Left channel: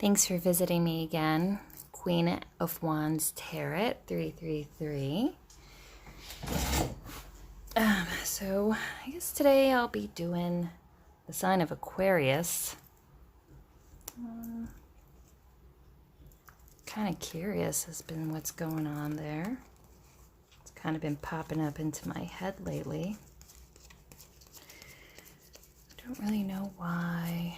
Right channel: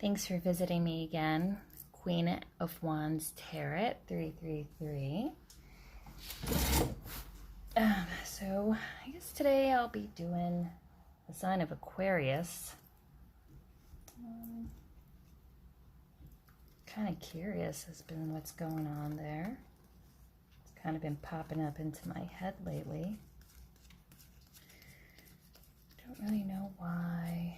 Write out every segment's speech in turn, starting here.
Thanks for visiting me again. Queen of Wands Tarot 333. So I guess today I'll be doing the sign of Aquarius. Kind of curious has been what's going on there. It's kind of been popping up into my head lately. Don't really know why.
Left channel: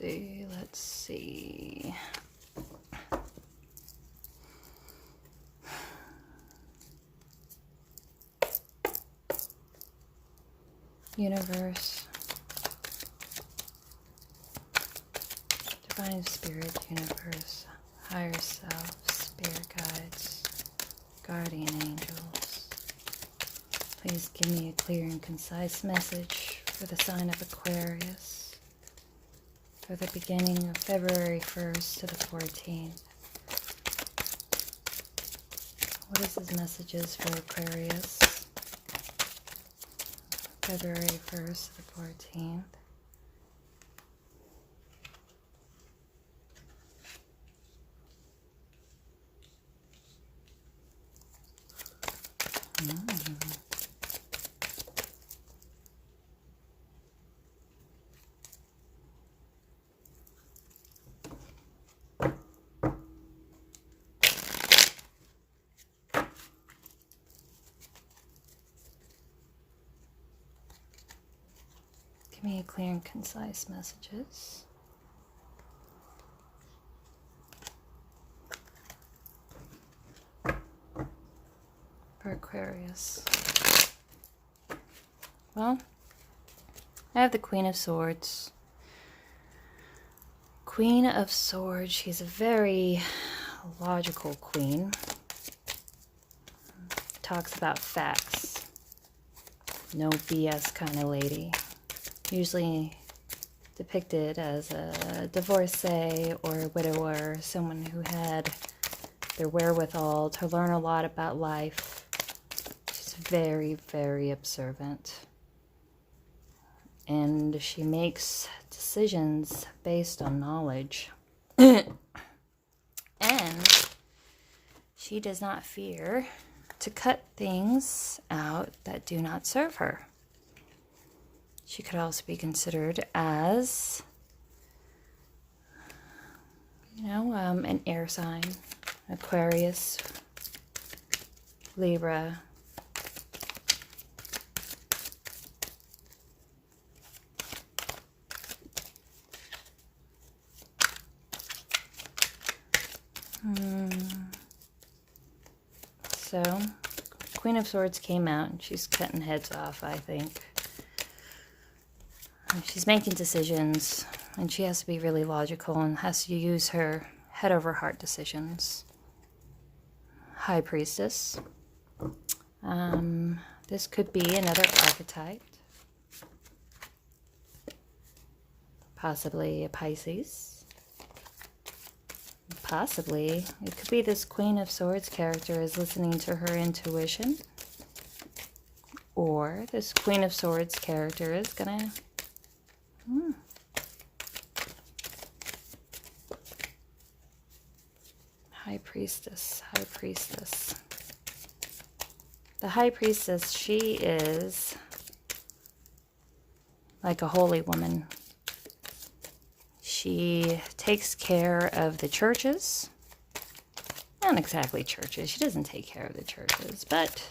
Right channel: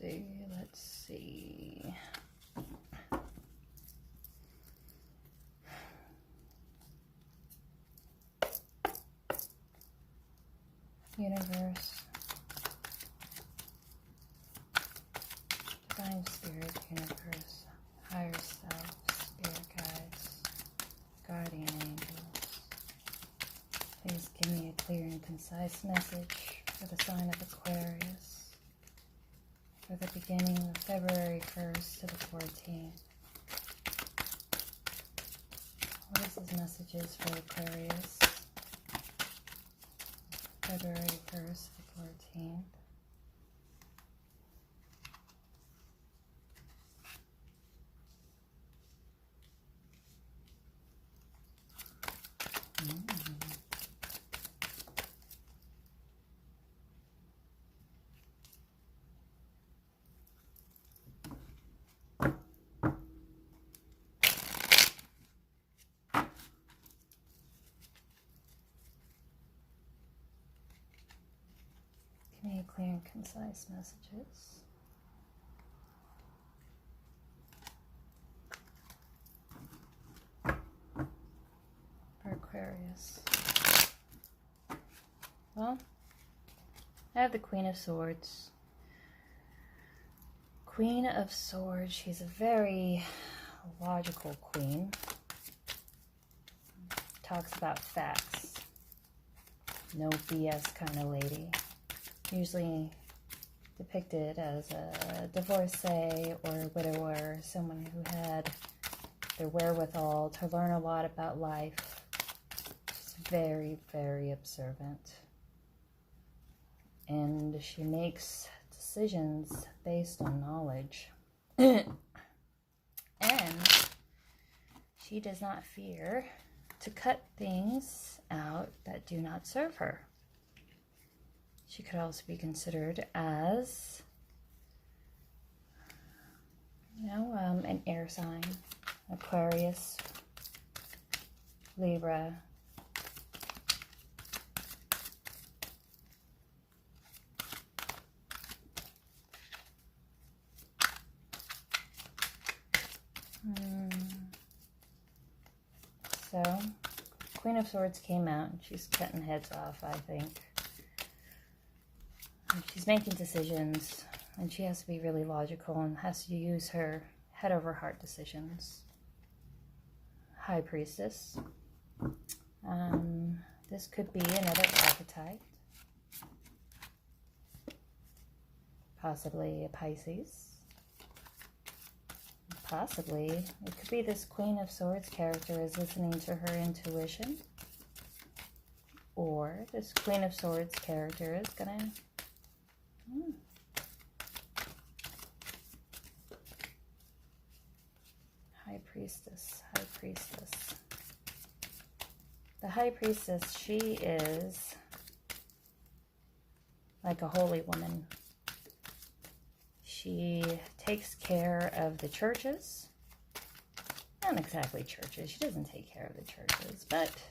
Let's see. Universe. Divine Spirit, Universe, Higher Self, Spirit Guides, Guardian Angels. Please give me a clear and concise message for the sign of Aquarius for the beginning of February 1st to the 14th. What is his messages for Aquarius? February 1st to the 14th. Give me clear and concise messages. For Aquarius. Well, I have the Queen of Swords. Queen of Swords, she's a very logical queen. Talks about facts. No BS kind of lady. Usually depicted as a divorcee or a widower, someone who had the wherewithal to learn a lot about life. She's very, very observant. And she makes decisions based on knowledge. And she does not fear to cut things out that do not serve her. She could also be considered as, an air sign. Aquarius, Libra, So, Queen of Swords came out and she's cutting heads off, I think. She's making decisions and she has to be really logical and has to use her head over heart decisions. High Priestess. This could be another archetype. Possibly a Pisces. Possibly, it could be this Queen of Swords character is listening to her intuition. Or this Queen of Swords character is gonna... High Priestess, High Priestess. The High Priestess, she is like a holy woman. She takes care of the churches. Not exactly churches. She doesn't take care of the churches, but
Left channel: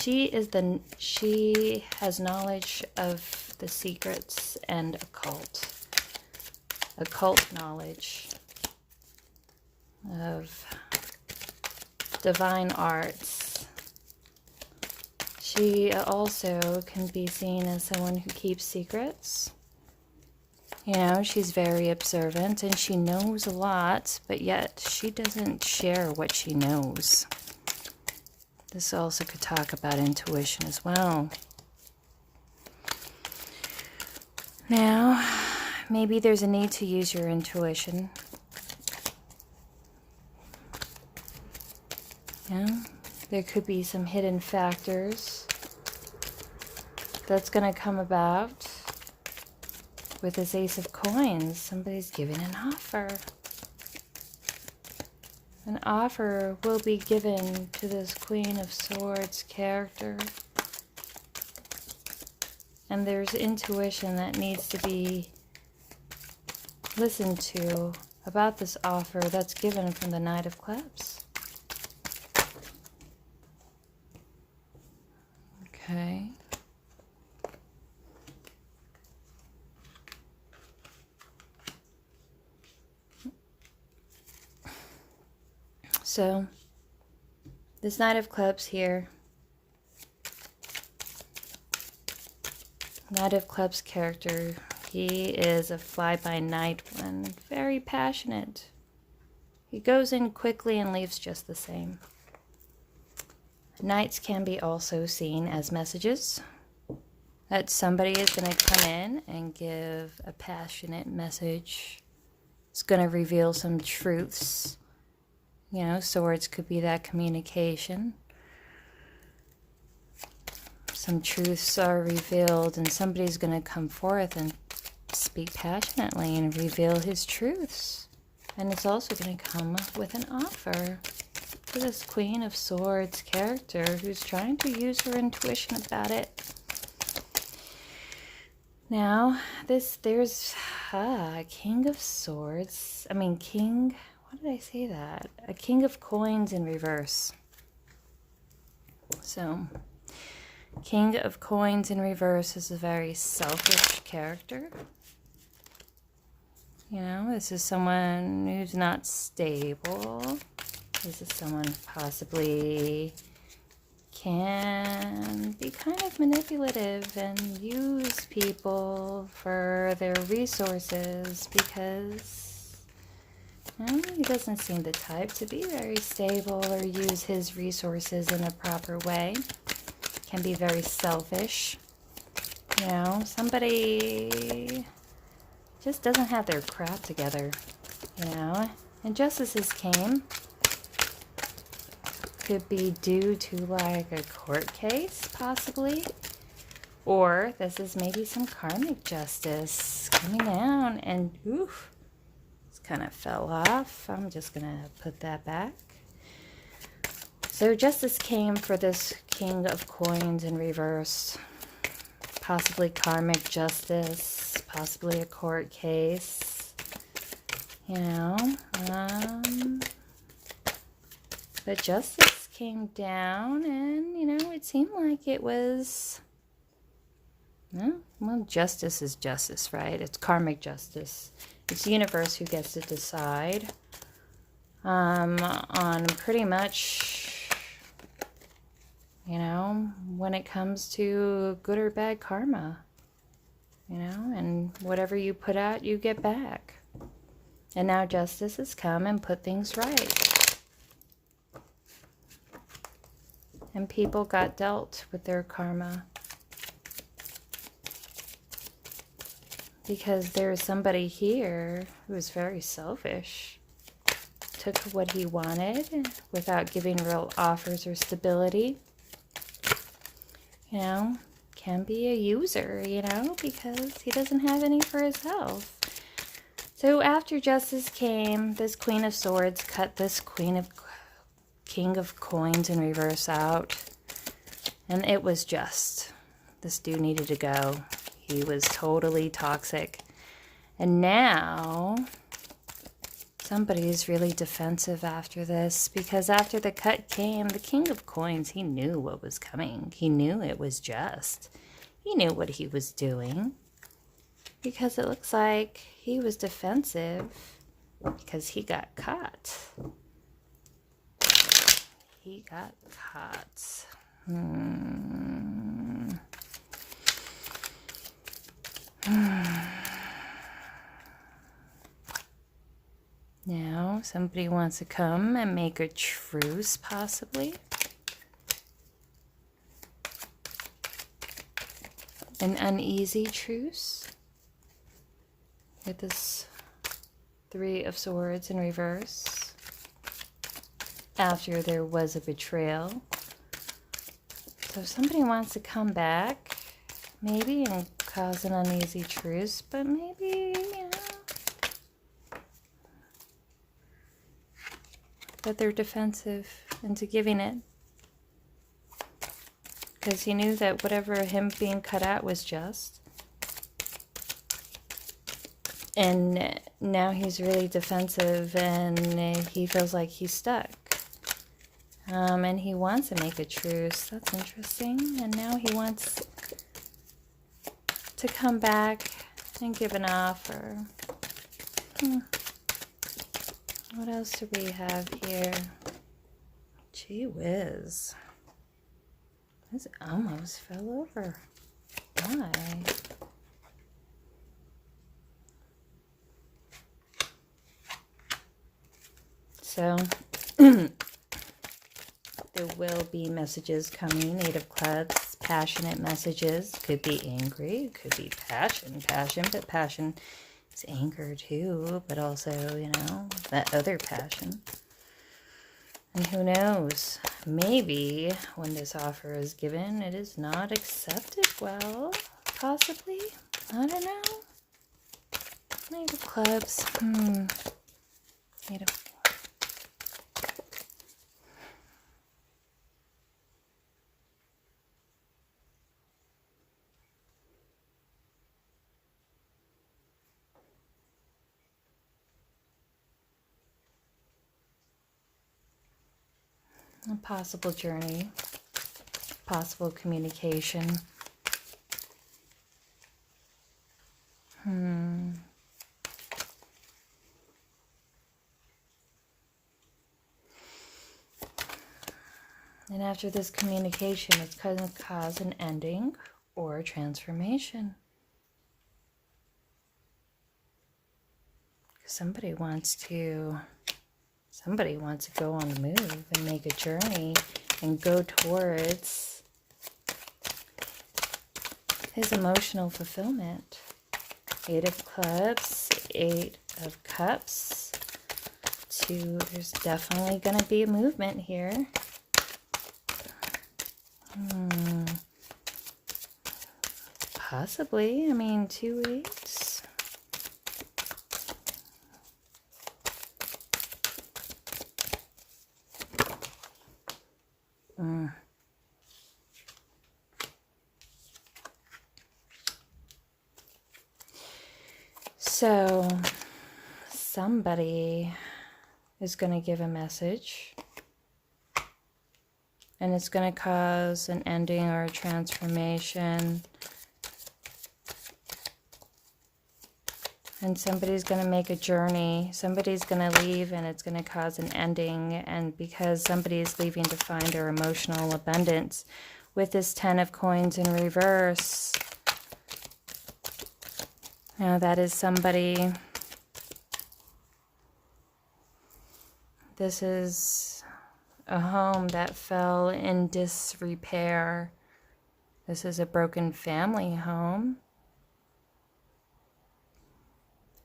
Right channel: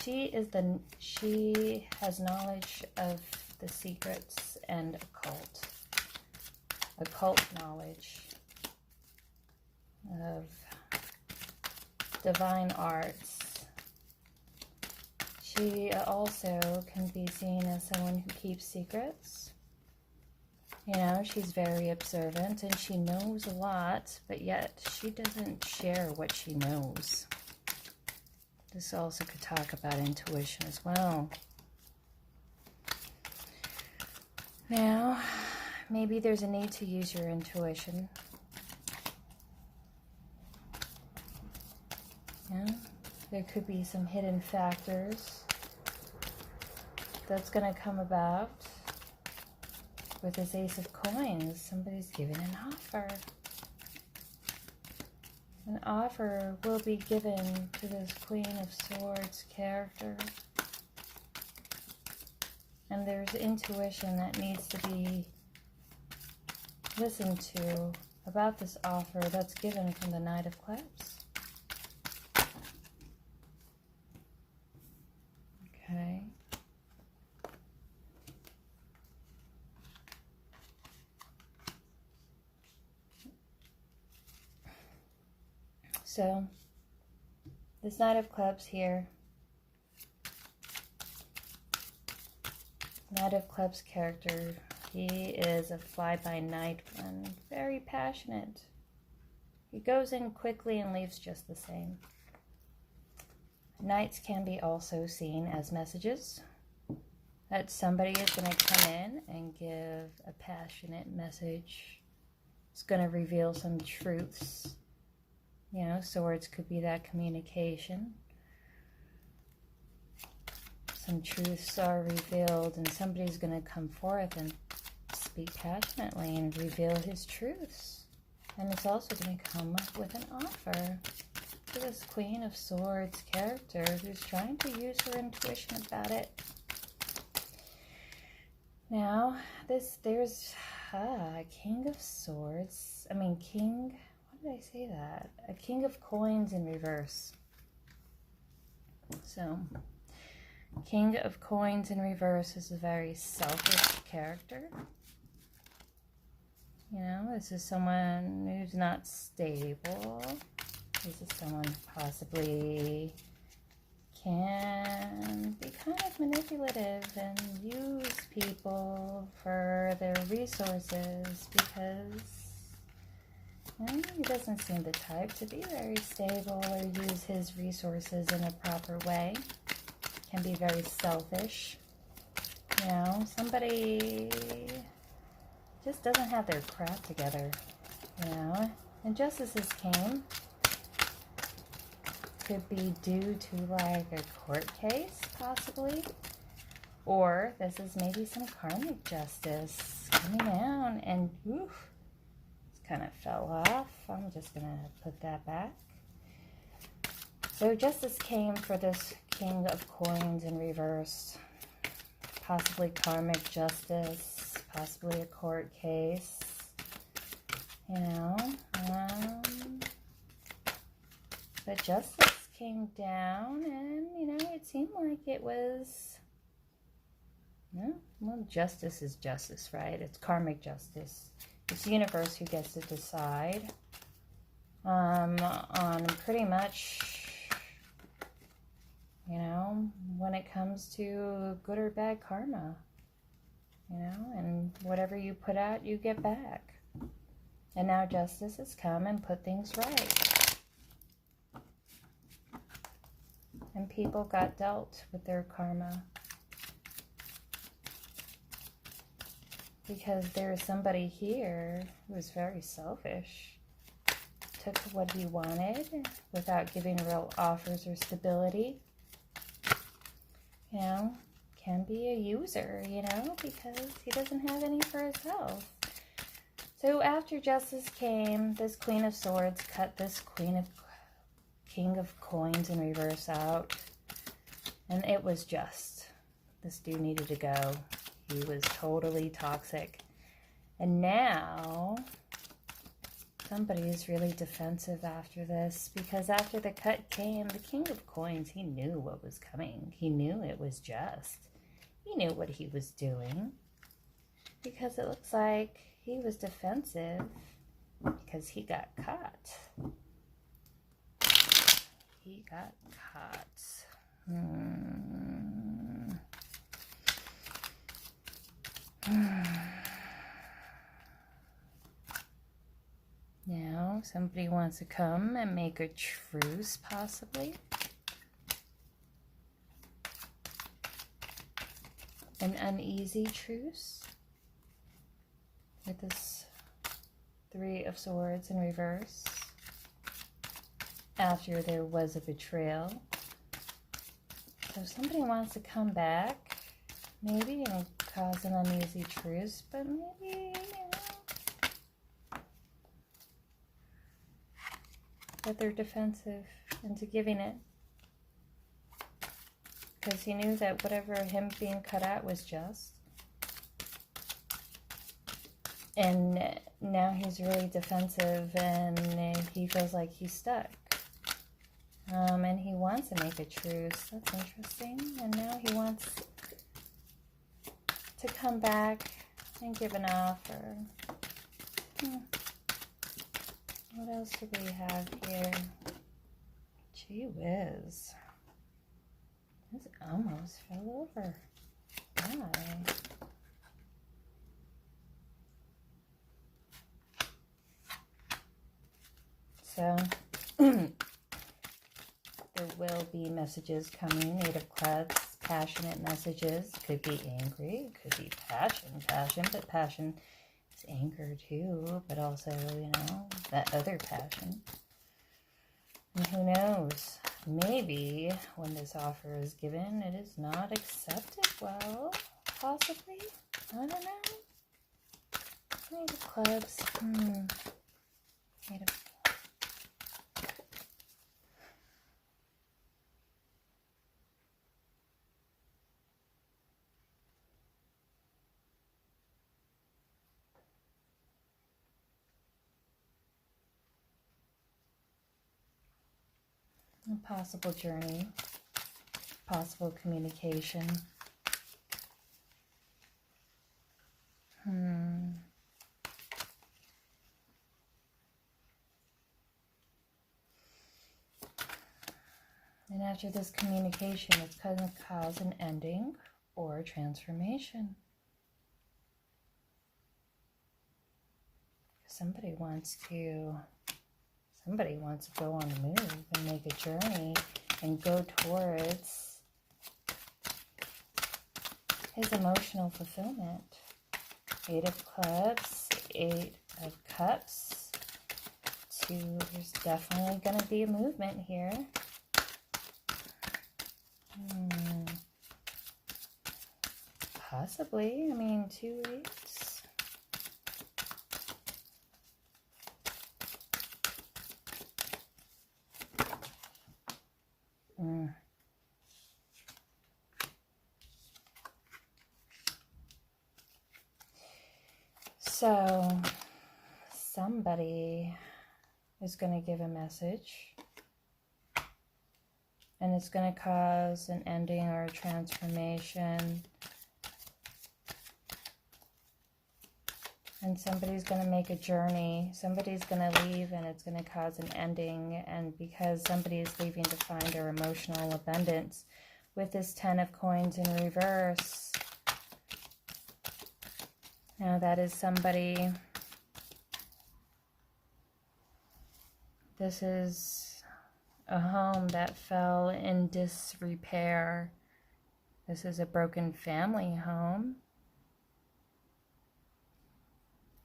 she has knowledge of the secrets and occult knowledge of divine arts. She also can be seen as someone who keeps secrets. She's very observant and she knows a lot, but yet she doesn't share what she knows. This also could talk about intuition as well. Now, maybe there's a need to use your intuition. There could be some hidden factors that's going to come about. with this Ace of Coins, somebody's giving an offer. An offer will be given to this Queen of Swords character. And there's intuition that needs to be listened to about this offer that's given from the Knight of Clubs. Okay. So, this Knight of Clubs here, Knight of Clubs character, he is a fly-by-night one, very passionate. He goes in quickly and leaves just the same. Knights can be also seen as messages, that somebody is going to come in and give a passionate message. It's going to reveal some truths. You know, swords could be that communication. Some truths are revealed and somebody's going to come forth and speak passionately and reveal his truths. And it's also going to come with an offer for this Queen of Swords character who's trying to use her intuition about it. Now, there's a King of Swords. Why did I say that? A King of Coins in reverse. So, King of Coins in reverse is a very selfish character. You know, this is someone who's not stable. This is someone possibly can be kind of manipulative and use people for their resources because he doesn't seem the type to be very stable or use his resources in a proper way. Can be very selfish. You know, somebody just doesn't have their crap together, you know. Injustices came. Could be due to like a court case, possibly. Or this is maybe some karmic justice coming down and oof, this kind of fell off. I'm just gonna put that back. So justice came for this King of Coins in reverse. Possibly karmic justice, possibly a court case, you know. But justice came down and, you know, it seemed like it was, well, justice is justice, right? It's karmic justice. It's the universe who gets to decide on pretty much, you know, when it comes to good or bad karma, you know, and whatever you put out, you get back. And now justice has come and put things right. And people got dealt with their karma. Because there's somebody here who is very selfish. Took what he wanted without giving real offers or stability. You know, can be a user, you know, because he doesn't have any for himself. So after justice came, this Queen of Swords cut this King of Coins in reverse out. And it was just. This dude needed to go. He was totally toxic. And now somebody's really defensive after this, because after the cut came, the King of Coins, he knew what was coming. He knew it was just. He knew what he was doing, because it looks like he was defensive because he got caught. He got caught. Now, somebody wants to come and make a truce, possibly. An uneasy truce. With this Three of Swords in reverse. After there was a betrayal. So somebody wants to come back, maybe, and cause an uneasy truce, but maybe, you know, that they're defensive into giving it. Because he knew that whatever him being cut out was just. And now he's really defensive and he feels like he's stuck. And he wants to make a truce. That's interesting. And now he wants to come back and give an offer. What else do we have here? Gee whiz. This almost fell over. Why? So, there will be messages coming. Eight of Clubs, passionate messages. Could be angry, could be passion, but passion is anger too, but also, you know, that other passion. And who knows, maybe when this offer is given, it is not accepted well, possibly. I don't know. Eight of Clubs. Eight of a possible journey, possible communication. And after this communication, it's going to cause an ending or a transformation. Somebody wants to go on the move and make a journey and go towards his emotional fulfillment. Eight of Clubs, Eight of Cups, Two. There's definitely going to be a movement here. Possibly. I mean, 2 weeks. So, somebody is going to give a message. And it's going to cause an ending or a transformation. And somebody's going to make a journey. Somebody's going to leave and it's going to cause an ending. And because somebody is leaving to find their emotional abundance with this 10 of Coins in reverse. Now that is somebody. This is a home that fell in disrepair. This is a broken family home.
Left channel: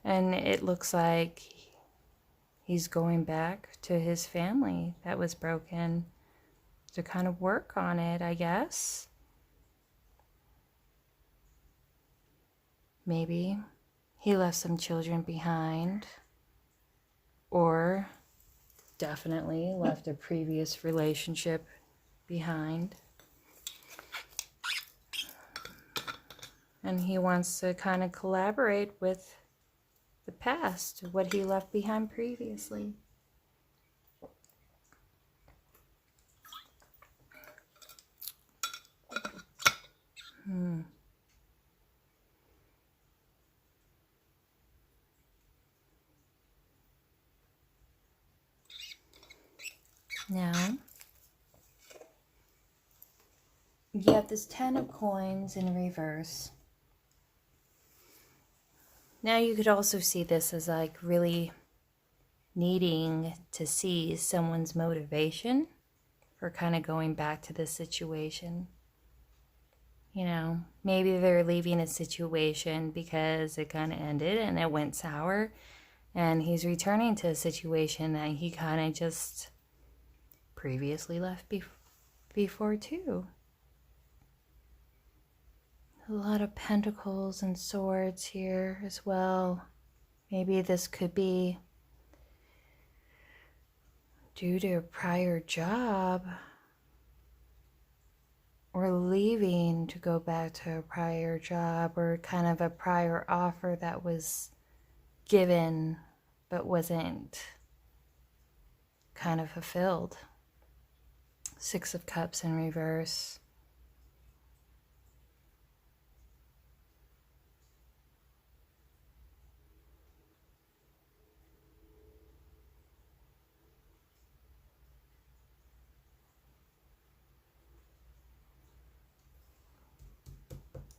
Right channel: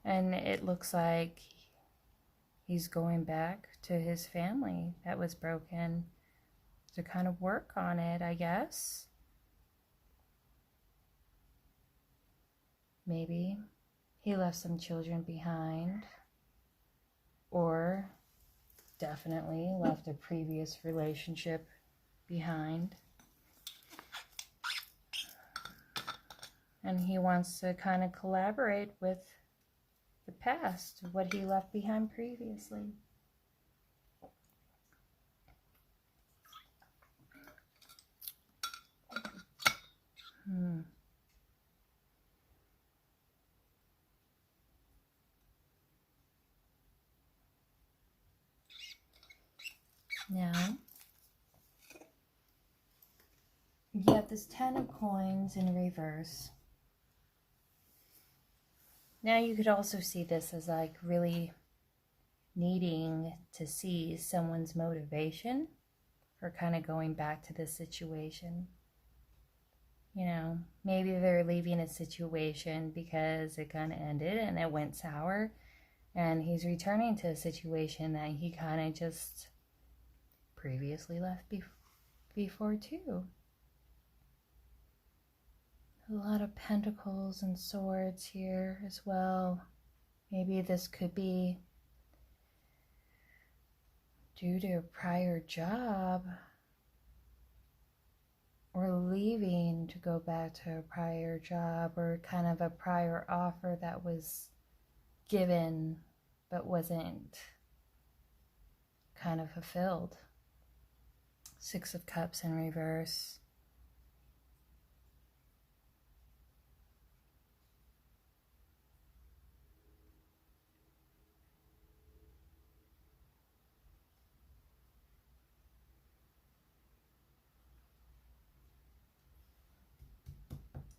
And it looks like he's going back to his family that was broken to kind of work on it, I guess. Maybe he left some children behind, or definitely left a previous relationship behind. And he wants to kind of collaborate with the past, what he left behind previously. Now, you have this 10 of Coins in reverse. Now you could also see this as like really needing to see someone's motivation for kind of going back to this situation. You know, maybe they're leaving a situation because it kind of ended and it went sour, and he's returning to a situation that he kind of just previously left before too. A lot of pentacles and swords here as well. Maybe this could be due to a prior job, or leaving to go back to a prior job, or kind of a prior offer that was given but wasn't kind of fulfilled. Six of Cups in reverse.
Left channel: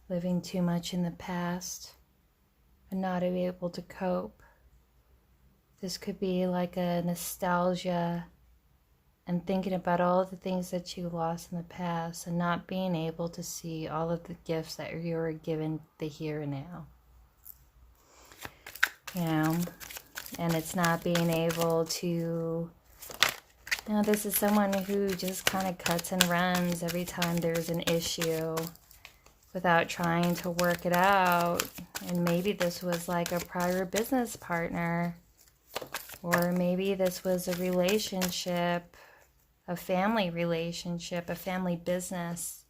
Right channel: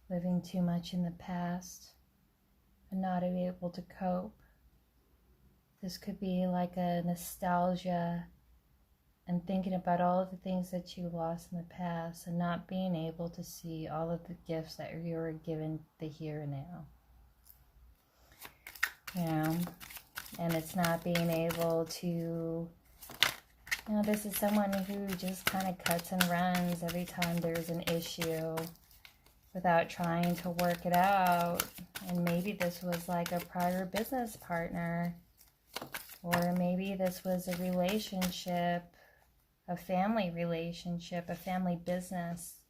Living too much in the past and not able to cope. This could be like a nostalgia and thinking about all the things that you lost in the past and not being able to see all of the gifts that you were given the here and now. You know, and it's not being able to, this is someone who just kind of cuts and runs every time there's an issue without trying to work it out. And maybe this was like a prior business partner, or maybe this was a relationship, a family relationship, a family business,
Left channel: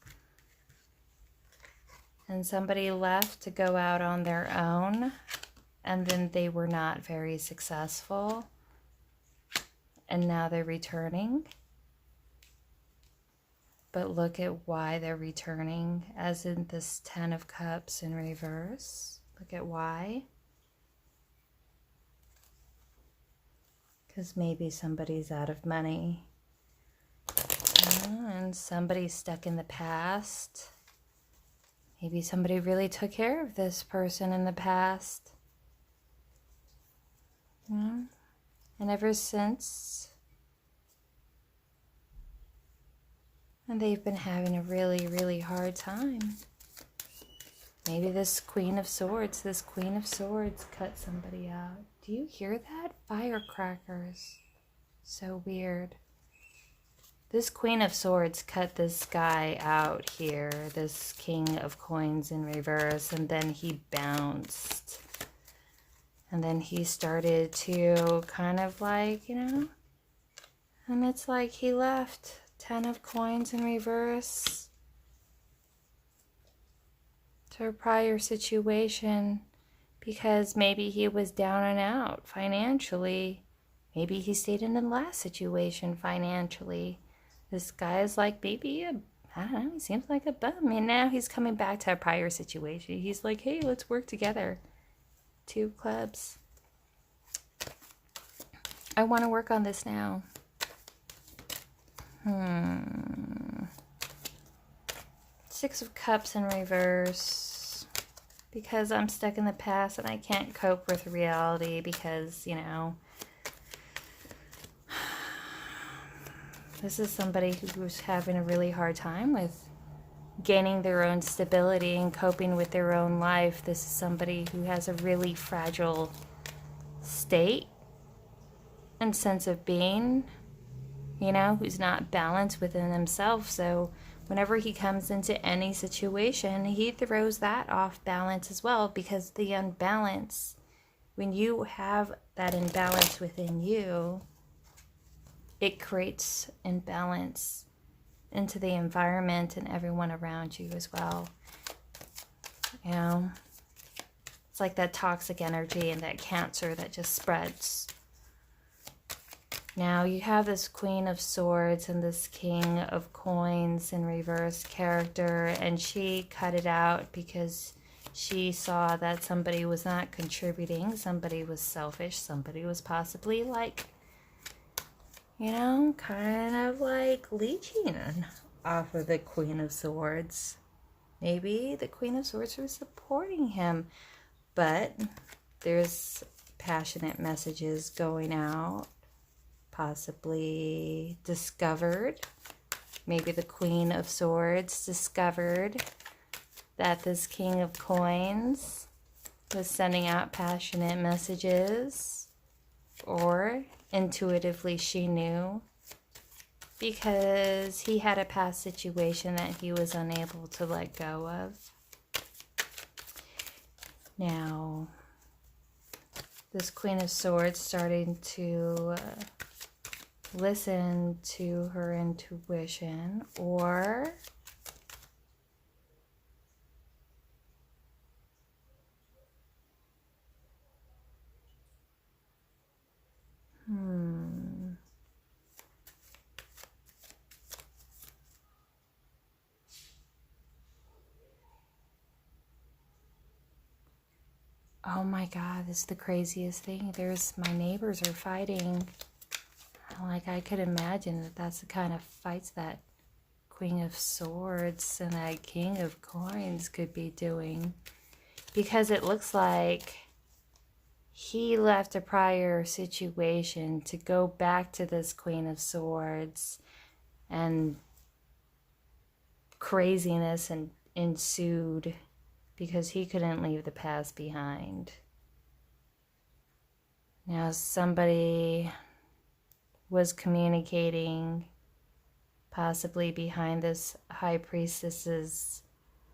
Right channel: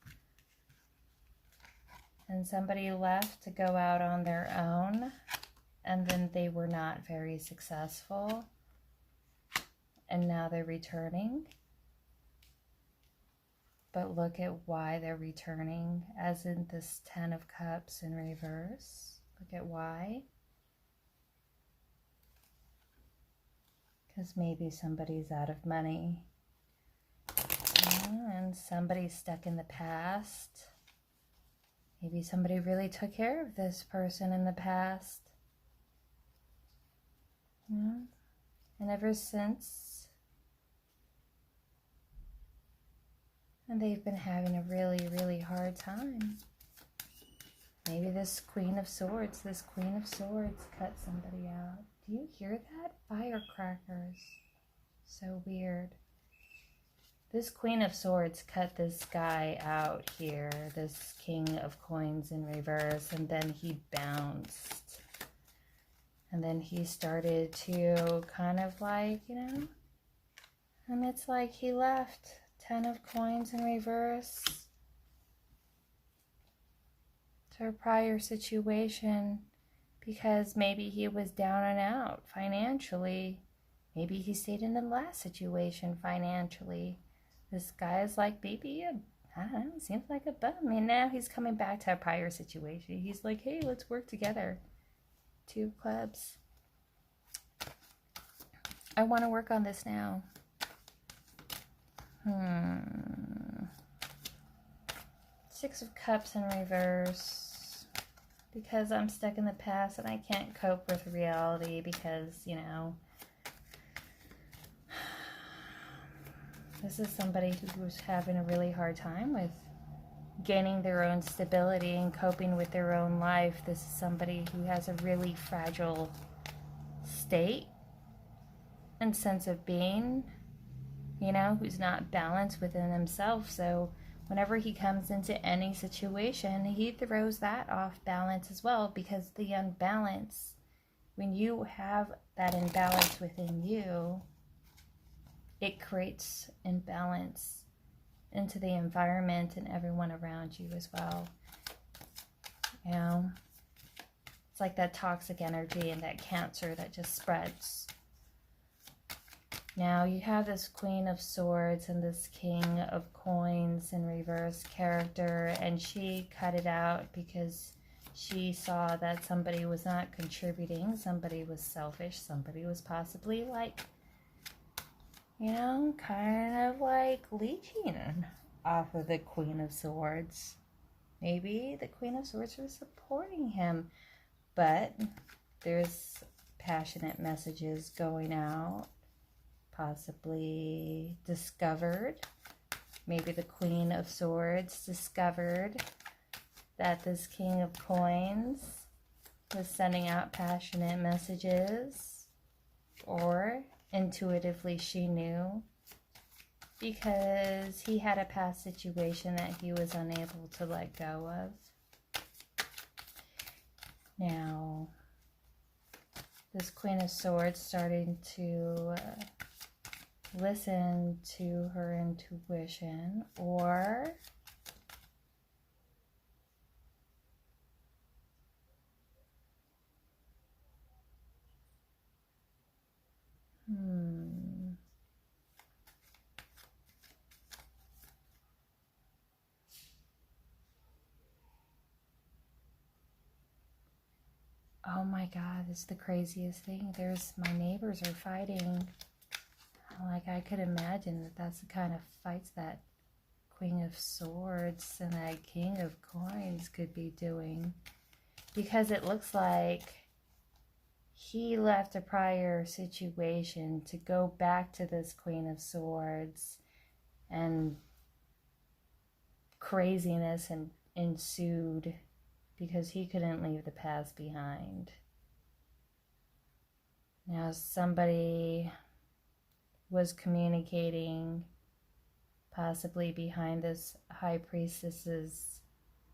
and somebody left to go out on their own, and then they were not very successful, and now they're returning. But look at why they're returning, as in this Ten of Cups in reverse. Look at why. Because maybe somebody's out of money. And somebody's stuck in the past. Maybe somebody really took care of this person in the past. And ever since, and they've been having a really, really hard time. Maybe this Queen of Swords cut somebody out. Do you hear that? Firecrackers. So weird. This Queen of Swords cut this guy out here, this King of Coins in reverse, and then he bounced. And then he started to kind of like, and it's like he left. Ten of Coins in reverse to a prior situation because maybe he was down and out financially. Maybe he stayed in the last situation financially. This guy is like maybe I don't know, he seems like a bum. And now he's coming back to a prior situation. He's like, hey, let's work together. Two of Clubs. I want to work on this now. Six of Cups in reverse, because I'm stuck in the past and I can't cope with reality because, this is somebody who's having a really hard time with gaining their own stability and coping with their own life. This is somebody who has a really fragile state and sense of being, who's not balanced within himself. So whenever he comes into any situation, he throws that off balance as well, because the unbalance, when you have that imbalance within you, it creates imbalance into the environment and everyone around you as well. It's like that toxic energy and that cancer that just spreads. Now you have this Queen of Swords and this King of Coins in reverse character, and she cut it out because she saw that somebody was not contributing, somebody was selfish, somebody was possibly like, kind of like leeching off of the Queen of Swords. Maybe the Queen of Swords was supporting him, but there's passionate messages going out. Possibly discovered, maybe the Queen of Swords discovered that this King of Coins was sending out passionate messages, or intuitively she knew because he had a past situation that he was unable to let go of. Now, this Queen of Swords starting to listen to her intuition, or oh my God, this is the craziest thing. My neighbors are fighting. Like, I could imagine that that's the kind of fights that Queen of Swords and that King of Coins could be doing. Because it looks like he left a prior situation to go back to this Queen of Swords, and craziness ensued because he couldn't leave the past behind. Now somebody was communicating possibly behind this High Priestess's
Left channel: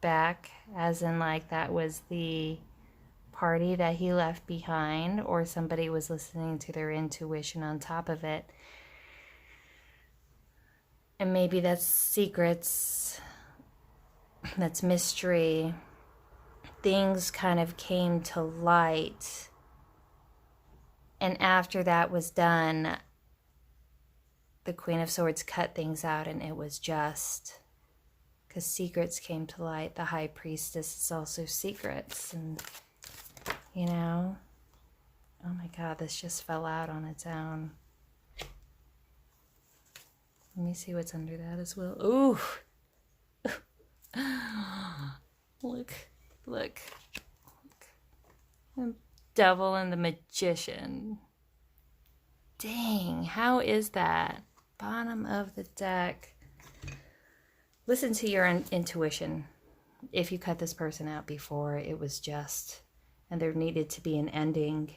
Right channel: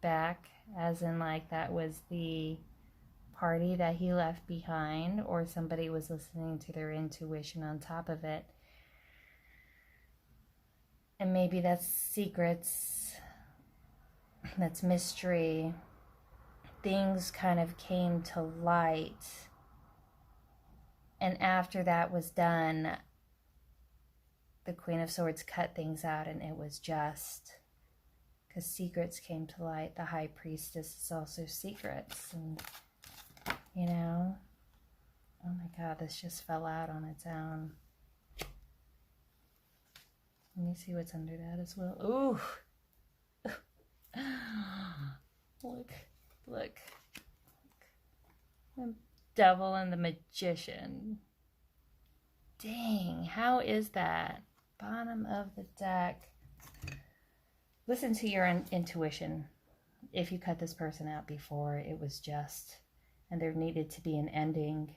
back, as in like that was the party that he left behind, or somebody was listening to their intuition on top of it. And maybe that's secrets, that's mystery. Things kind of came to light, and after that was done, the Queen of Swords cut things out, and it was just because secrets came to light. The High Priestess is also secrets, and you know, oh my God, this just fell out on its own. Let me see what's under that as well. Ooh. Look. The Devil and the Magician. Dang, how is that? Bottom of the deck. Listen to your intuition. If you cut this person out before, it was just, and there needed to be an ending.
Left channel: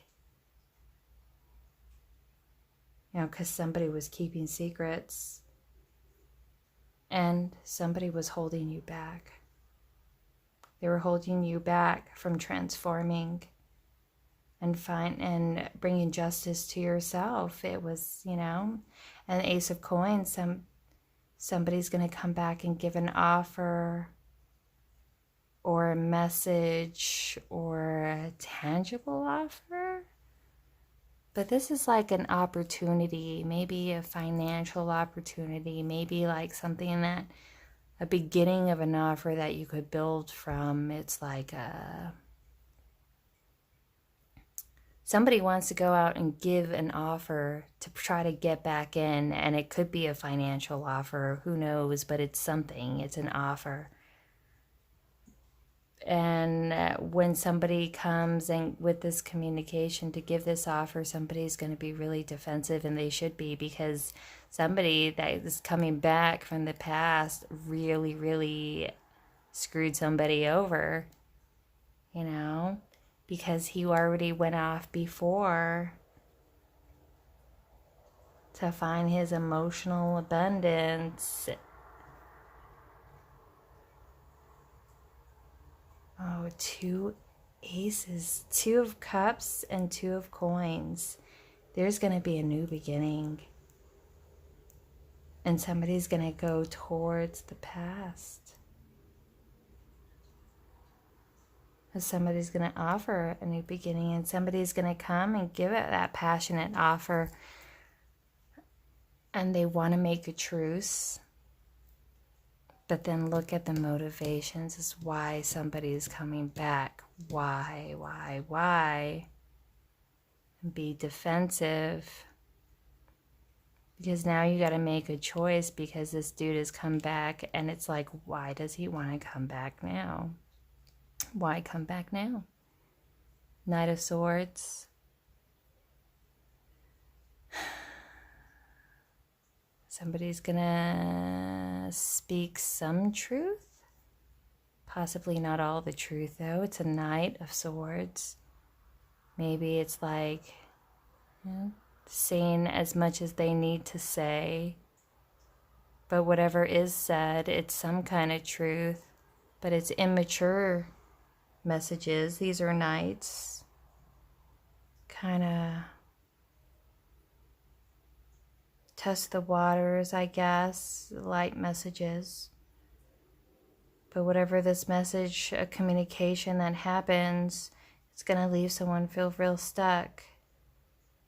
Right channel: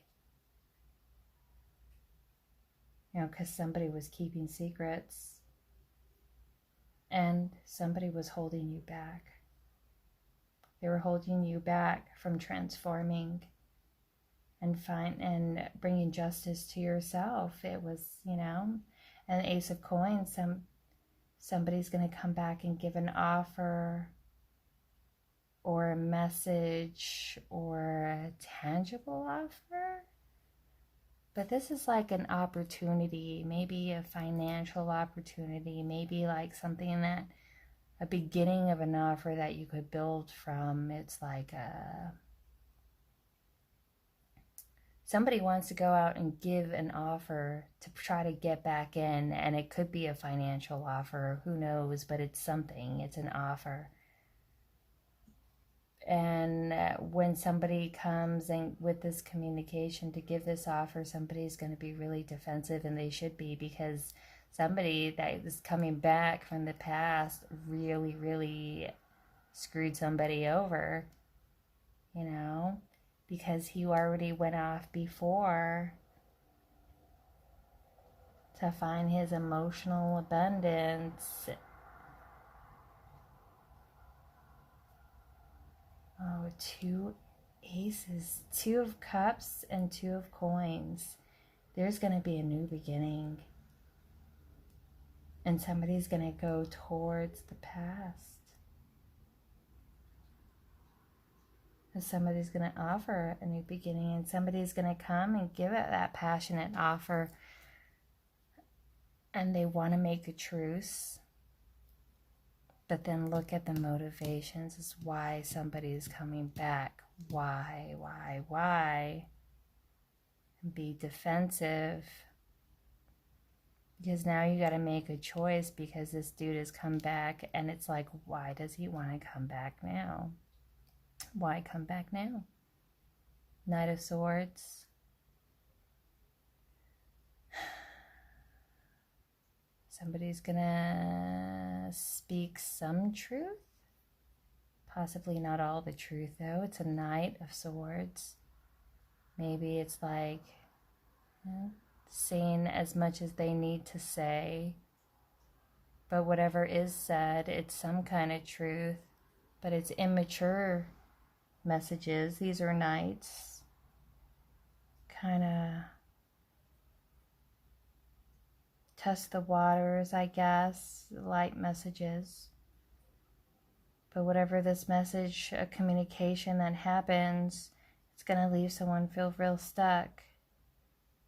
You know, because somebody was keeping secrets, and somebody was holding you back. They were holding you back from transforming and bringing justice to yourself. It was, you know, an Ace of Coins. Somebody's going to come back and give an offer or a message or a tangible offer. But this is like an opportunity, maybe a financial opportunity, maybe like something that, a beginning of an offer that you could build from. It's like somebody wants to go out and give an offer to try to get back in, and it could be a financial offer, who knows, but it's something, it's an offer. And when somebody comes and with this communication to give this offer, somebody's going to be really defensive, and they should be, because somebody that is coming back from the past really, really screwed somebody over, you know, because he already went off before to find his emotional abundance. Oh, 2 aces, 2 of cups and 2 of coins. There's going to be a new beginning. And somebody's going to go towards the past. And somebody's going to offer a new beginning. And somebody's going to come and give it that passionate offer. And they want to make a truce. But then look at the motivations as why somebody's coming back. Why? And be defensive. Because now you got to make a choice, because this dude has come back, and it's like, why does he want to come back now? Why come back now? Knight of Swords. Somebody's gonna speak some truth. Possibly not all the truth, though. It's a Knight of Swords. Maybe it's like, you know, saying as much as they need to say. But whatever is said, it's some kind of truth. But it's immature. messages. These are knights. Kind of test the waters, I guess. Light messages. But whatever this message, a communication that happens, it's going to leave someone feel real stuck.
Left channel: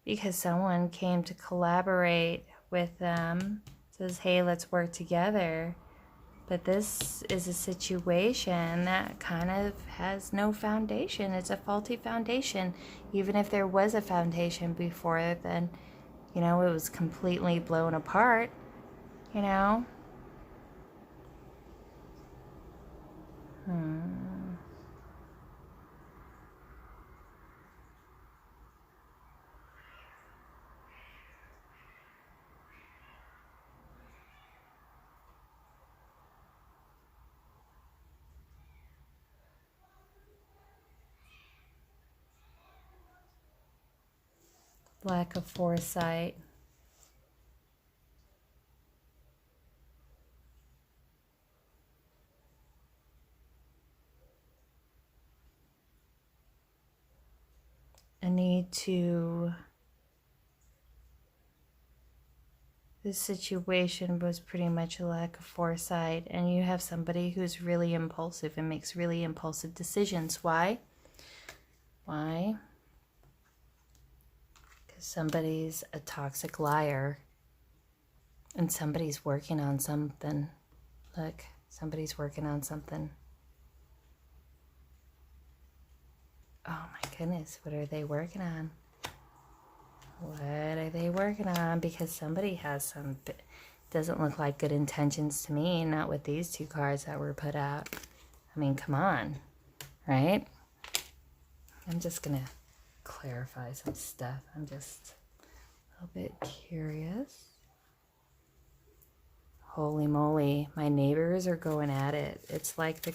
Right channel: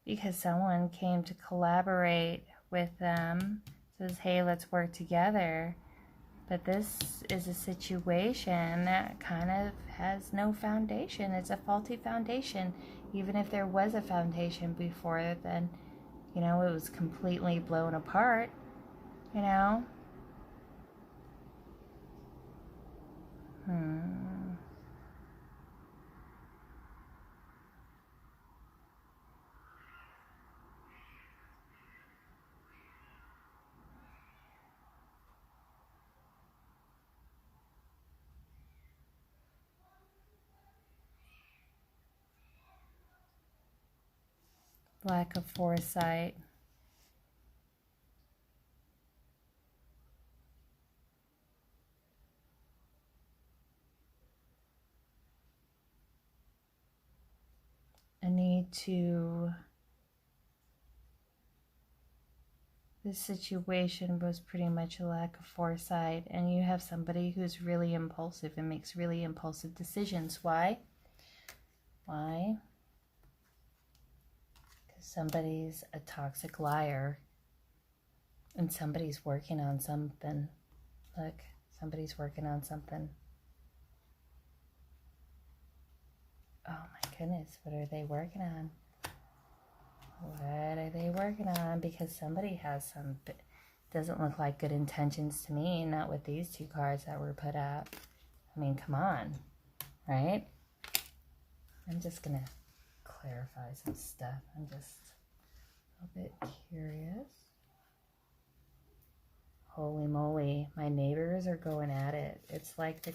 Because someone came to collaborate with them. Says, hey, let's work together. But this is a situation that kind of has no foundation. It's a faulty foundation. Even if there was a foundation before, then, you know, it was completely blown apart, you know? Lack of foresight. A need to... This situation was pretty much a lack of foresight, and you have somebody who's really impulsive and makes really impulsive decisions. Why? Why? Because somebody's a toxic liar, and somebody's working on something. Look, somebody's working on something. Oh my goodness, what are they working on? What are they working on? Because somebody has some, doesn't look like good intentions to me, not with these two cards that were put out. I mean, come on, right? I'm just going to clarify some stuff. I'm just a little bit curious. Holy moly, my neighbors are going at it. It's like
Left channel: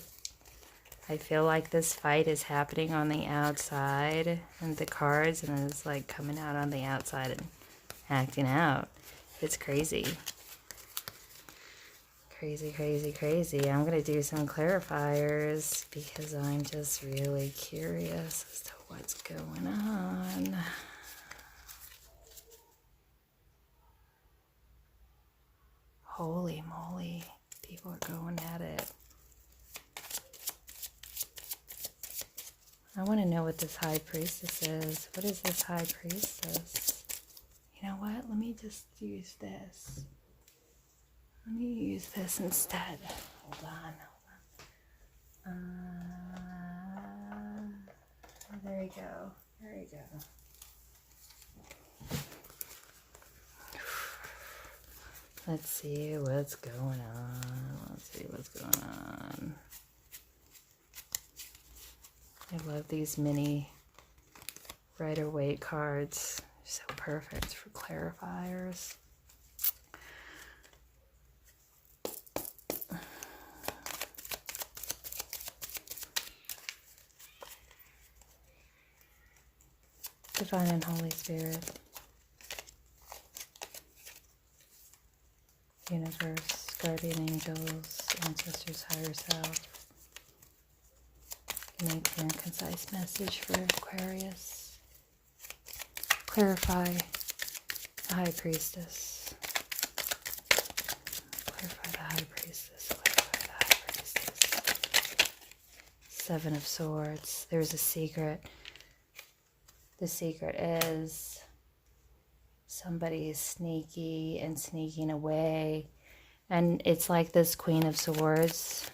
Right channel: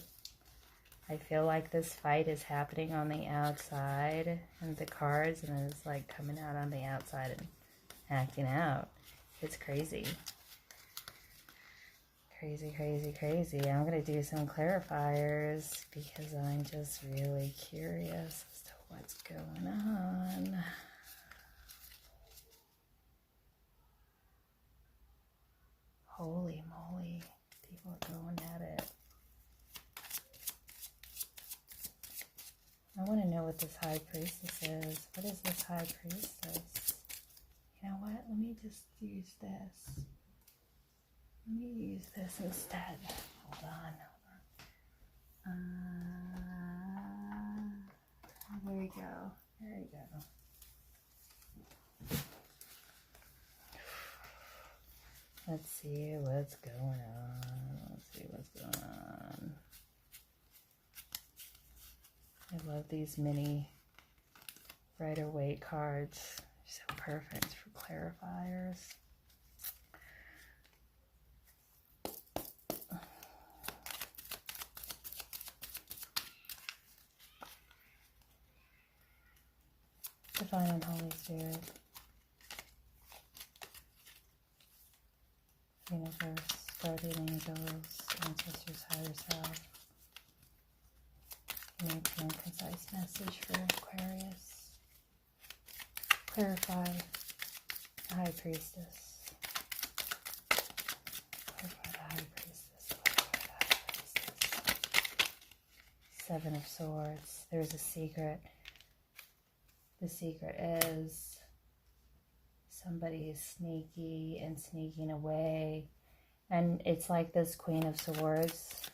I feel like this fight is happening on the outside and the cards, and it's like coming out on the outside and acting out. It's crazy. Crazy, crazy, crazy. I'm going to do some clarifiers because I'm just really curious as to what's going on. Holy moly, people are going at it. I want to know what this High Priestess is. What is this High Priestess? You know what? Let me just use this. Let me use this instead. Hold on. There we go. There we go. Let's see what's going on. Let's see what's going on. I love these mini Rider-Waite cards. They're so perfect for clarifiers. Divine and Holy Spirit. Universe, guardian angels, ancestors, higher self. Make a concise message for Aquarius. Clarify the High Priestess. Clarify the High Priestess. Clarify the High Priestess. Seven of Swords. There's a secret. The secret is somebody is sneaky and sneaking away. And it's like this Queen of Swords.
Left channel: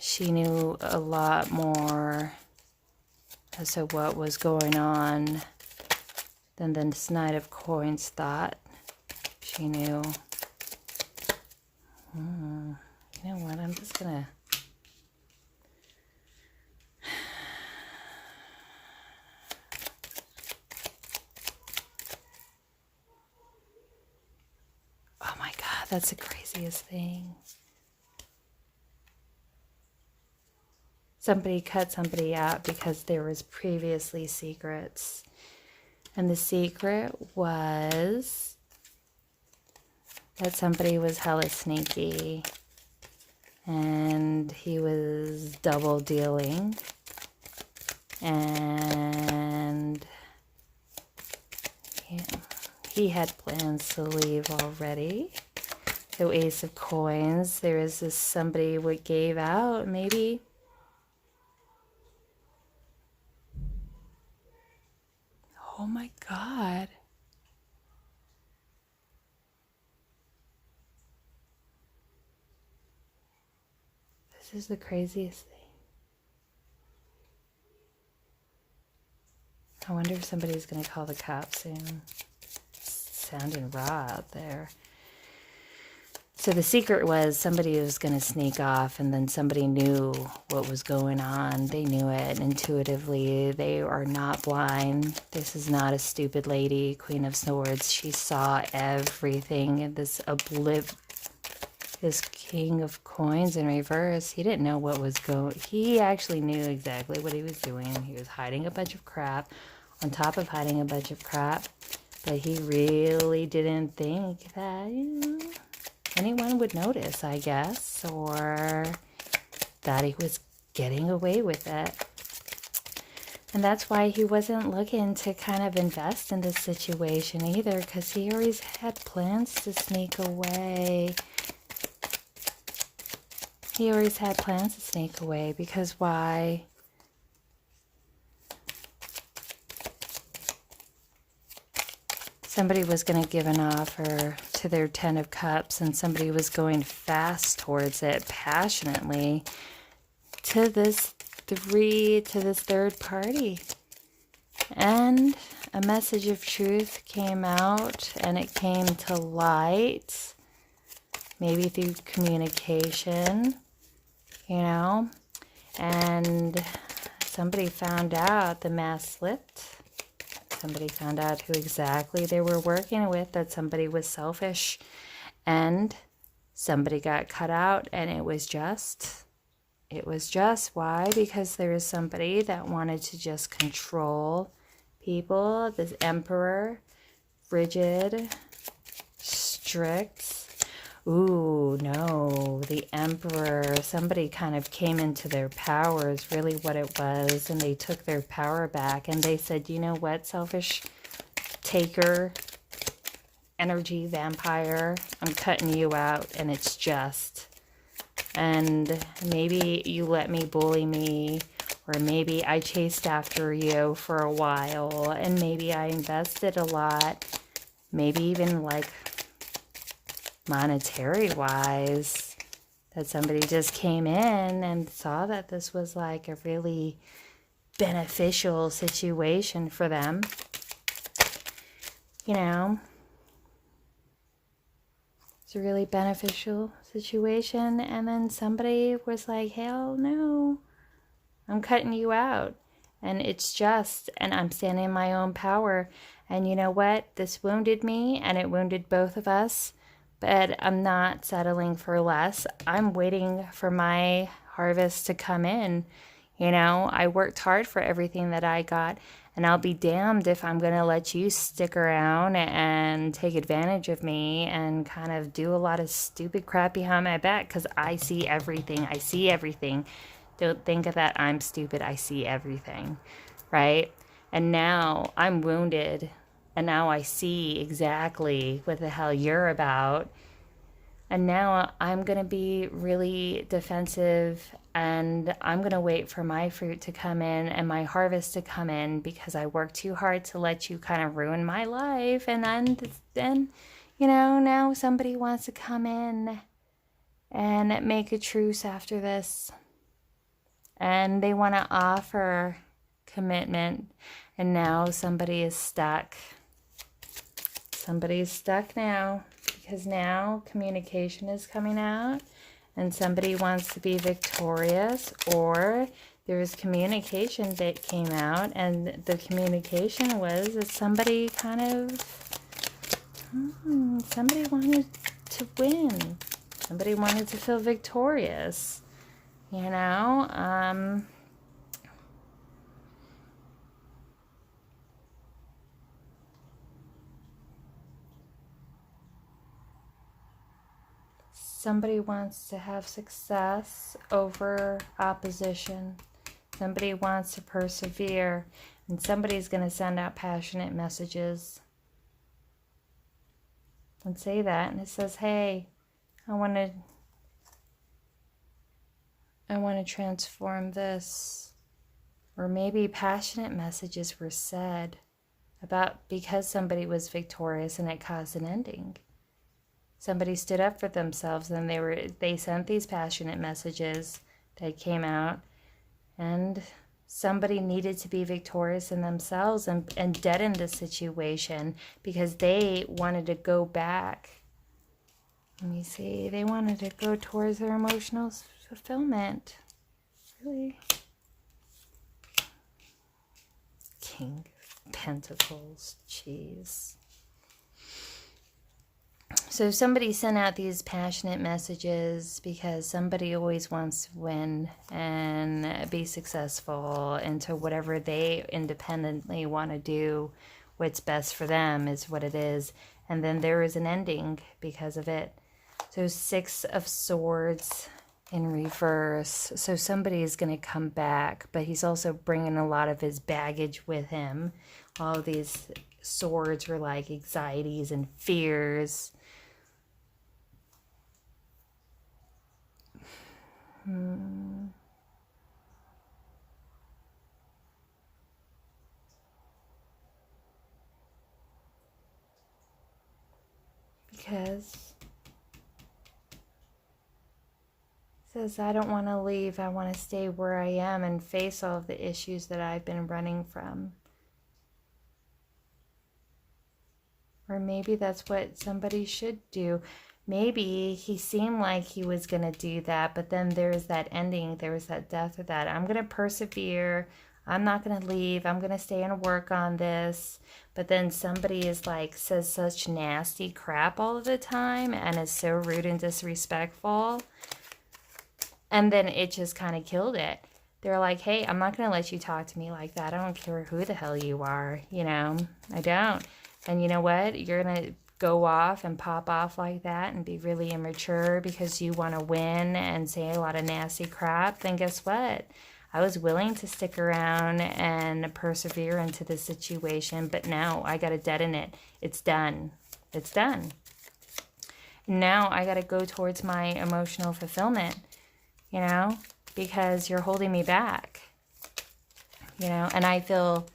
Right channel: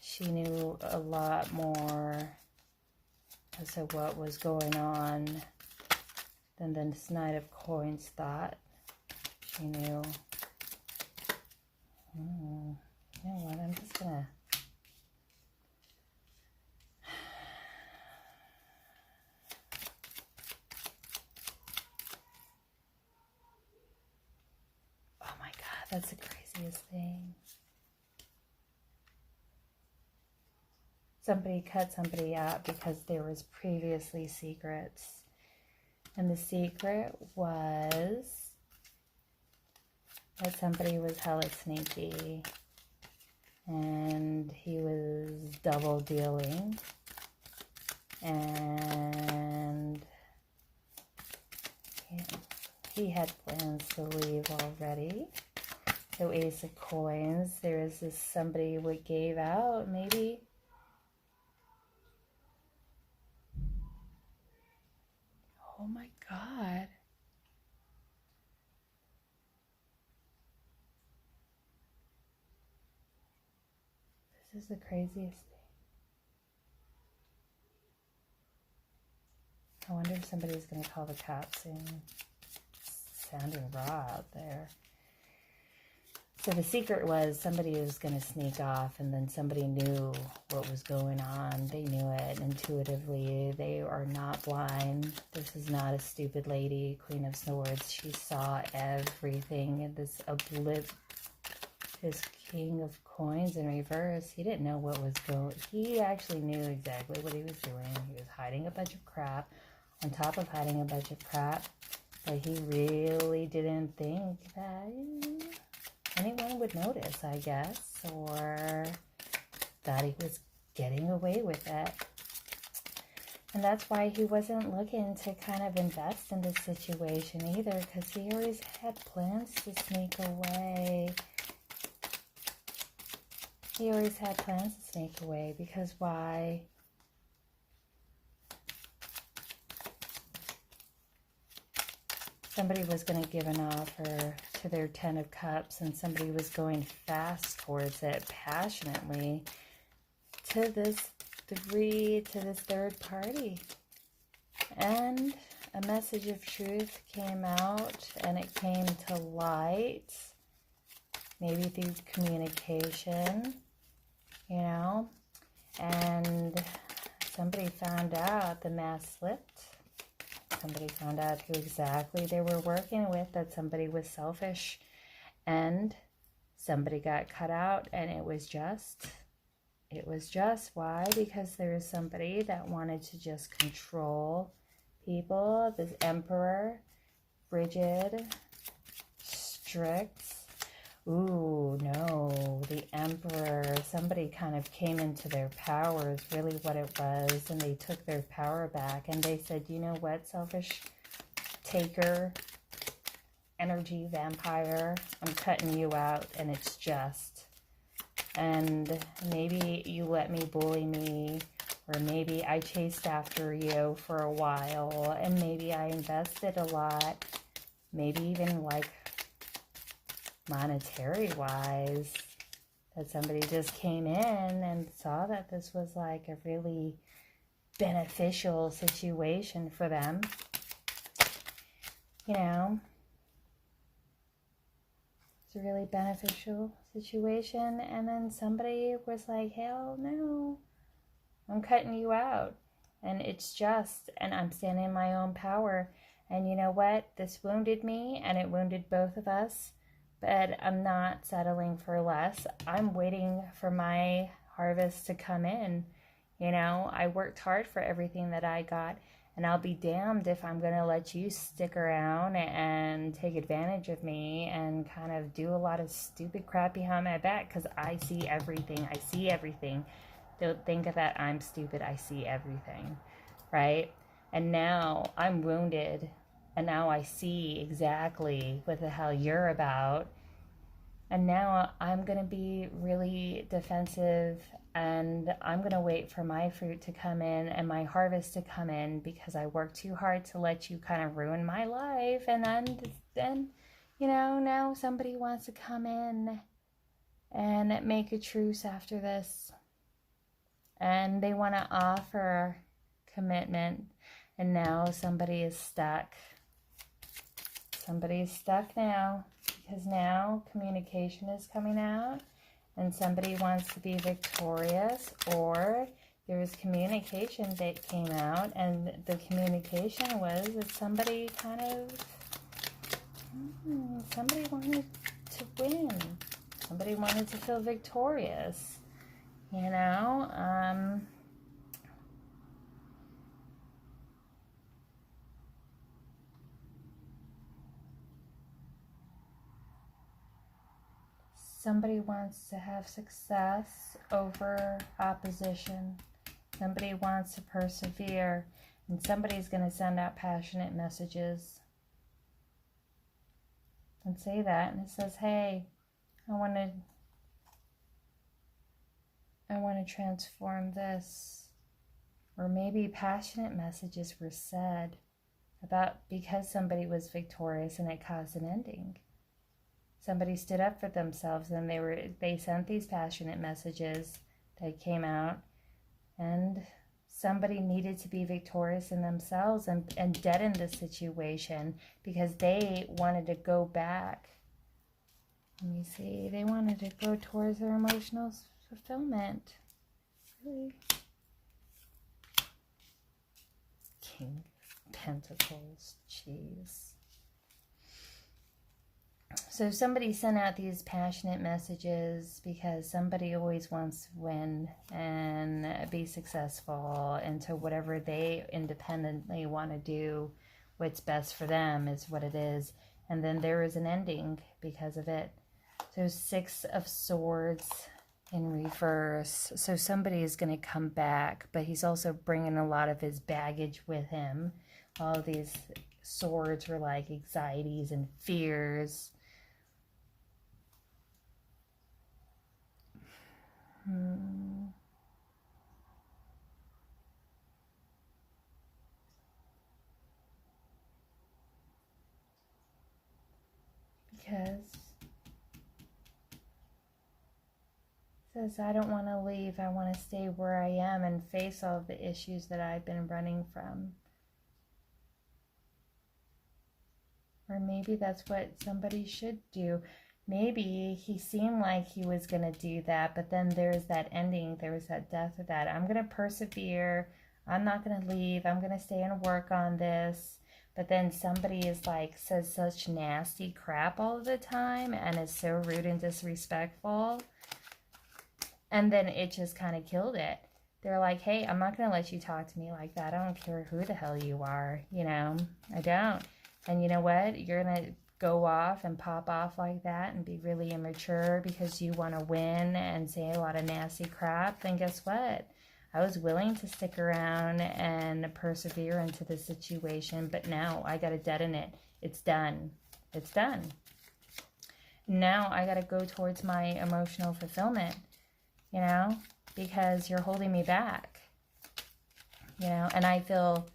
She knew a lot more as to what was going on than this Knight of Coins thought she knew. You know what? I'm just gonna... Oh my God, that's the craziest thing. Somebody cut somebody out because there was previously secrets. And the secret was that somebody was hella sneaky. and he was double dealing, and he had plans to leave already. So Ace of Coins, there is this somebody what gave out, maybe. Oh my God. This is the craziest thing. I wonder if somebody's going to call the cops soon. It's sounding raw out there. So the secret was somebody was going to sneak off, and then somebody knew what was going on. They knew it intuitively. They are not blind. This is not a stupid lady, Queen of Swords. She saw everything. This King of Coins in reverse, he didn't know what was going. He actually knew exactly what he was doing. He was hiding a bunch of crap on top of hiding a bunch of crap, but he really didn't think that, you know, anyone would notice, I guess, or that he was getting away with it. And that's why he wasn't looking to kind of invest in this situation either, because he always had plans to sneak away. He always had plans to sneak away, because why? Somebody was going to give an offer to their 10 of Cups, and somebody was going fast towards it, passionately, to this third party. And a message of truth came out, and it came to light, maybe through communication, you know, and somebody found out, the mask slipped. Somebody found out who exactly they were working with, that somebody was selfish, and somebody got cut out, and it was just why? Because there was somebody that wanted to just control people. This emperor, rigid, strict. Ooh, no, the emperor, somebody kind of came into their power is really what it was, and they took their power back, and they said, you know what, selfish taker, energy vampire, I'm cutting you out, and it's just. And maybe you let me bully me, or maybe I chased after you for a while, and maybe I invested a lot, maybe even like monetary wise, that somebody just came in and saw that this was like a really beneficial situation for them, you know. It's a really beneficial situation, and then somebody was like, hell no, I'm cutting you out, and it's just, and I'm standing in my own power, and you know what, this wounded me, and it wounded both of us, but I'm not settling for less. I'm waiting for my harvest to come in. You know, I worked hard for everything that I got, and I'll be damned if I'm going to let you stick around and take advantage of me and kind of do a lot of stupid crap behind my back, because I see everything. I see everything. Don't think of that I'm stupid. I see everything, right? And now I'm wounded, and now I see exactly what the hell you're about. And now I'm going to be really defensive, and I'm going to wait for my fruit to come in and my harvest to come in, because I worked too hard to let you kind of ruin my life. And then, you know, now somebody wants to come in and make a truce after this. And they want to offer commitment. And now somebody is stuck. Somebody's stuck now, because now communication is coming out, and somebody wants to be victorious, or there was communication that came out, and the communication was that somebody kind of, somebody wanted to win. Somebody wanted to feel victorious, you know? somebody wants to have success over opposition. Somebody wants to persevere. And somebody's going to send out passionate messages. And say that. And it says, hey, I want to transform this. Or maybe passionate messages were said about because somebody was victorious and it caused an ending. Somebody stood up for themselves and they sent these passionate messages that came out, and somebody needed to be victorious in themselves and deaden the situation because they wanted to go back. Let me see. They wanted to go towards their emotional fulfillment. Really? King of Pentacles. Jeez. So somebody sent out these passionate messages because somebody always wants to win and be successful into whatever they independently want to do. What's best for them is what it is. And then there is an ending because of it. So 6 of Swords in reverse. So somebody is going to come back, but he's also bringing a lot of his baggage with him. All these swords are like anxieties and fears. Because it says, I don't want to leave. I want to stay where I am and face all of the issues that I've been running from. Or maybe that's what somebody should do. Maybe he seemed like he was going to do that, but then there's that ending. There's that death of that. I'm going to persevere. I'm not going to leave. I'm going to stay and work on this. But then somebody is like, says such nasty crap all the time and is so rude and disrespectful. And then it just kind of killed it. They're like, hey, I'm not going to let you talk to me like that. I don't care who the hell you are. You know, I don't. And you know what? You're going to go off and pop off like that and be really immature because you want to win and say a lot of nasty crap. Then guess what? I was willing to stick around and persevere into this situation, but now I got to deaden it. It's done. It's done. Now I got to go towards my emotional fulfillment, you know, because you're holding me back, you know, and I feel,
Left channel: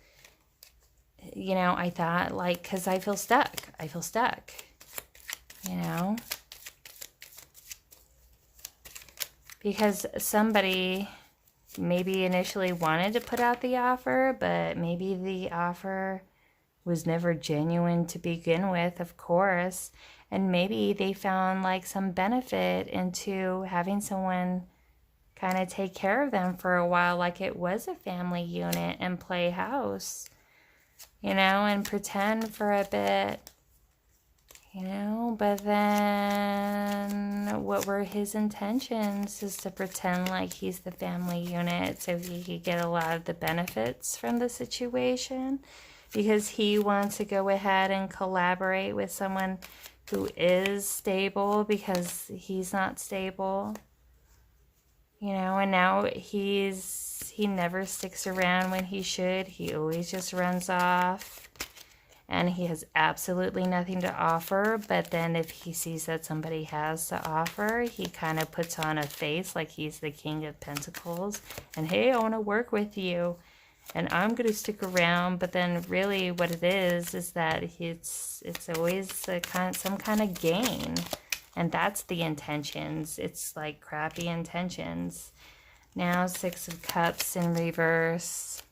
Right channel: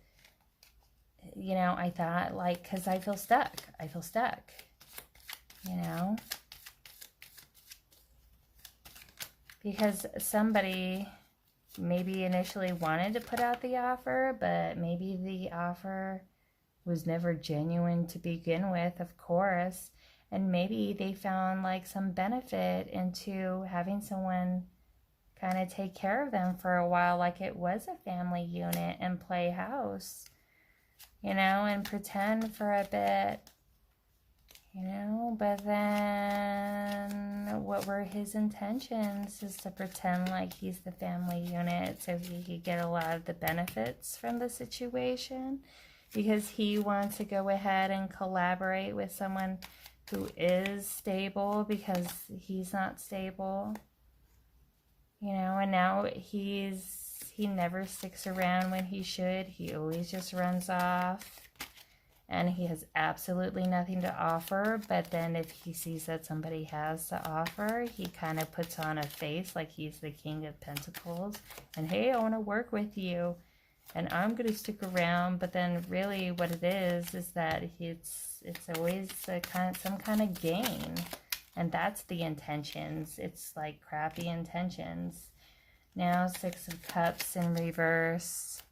you know, I thought like, because I feel stuck. I feel stuck, you know, because somebody maybe initially wanted to put out the offer, but maybe the offer was never genuine to begin with, of course. And maybe they found like some benefit into having someone kind of take care of them for a while, like it was a family unit, and play house, you know, and pretend for a bit, you know. But then what were his intentions? Is to pretend like he's the family unit so he could get a lot of the benefits from the situation, because he wants to go ahead and collaborate with someone who is stable because he's not stable, you know. And now he never sticks around when he should. He always just runs off, and he has absolutely nothing to offer. But then if he sees that somebody has to offer, he kind of puts on a face like he's the King of Pentacles and, hey, I want to work with you and I'm going to stick around. But then really what it is that it's always some kind of gain, and that's the intentions. It's like crappy intentions. Now 6 of Cups in reverse.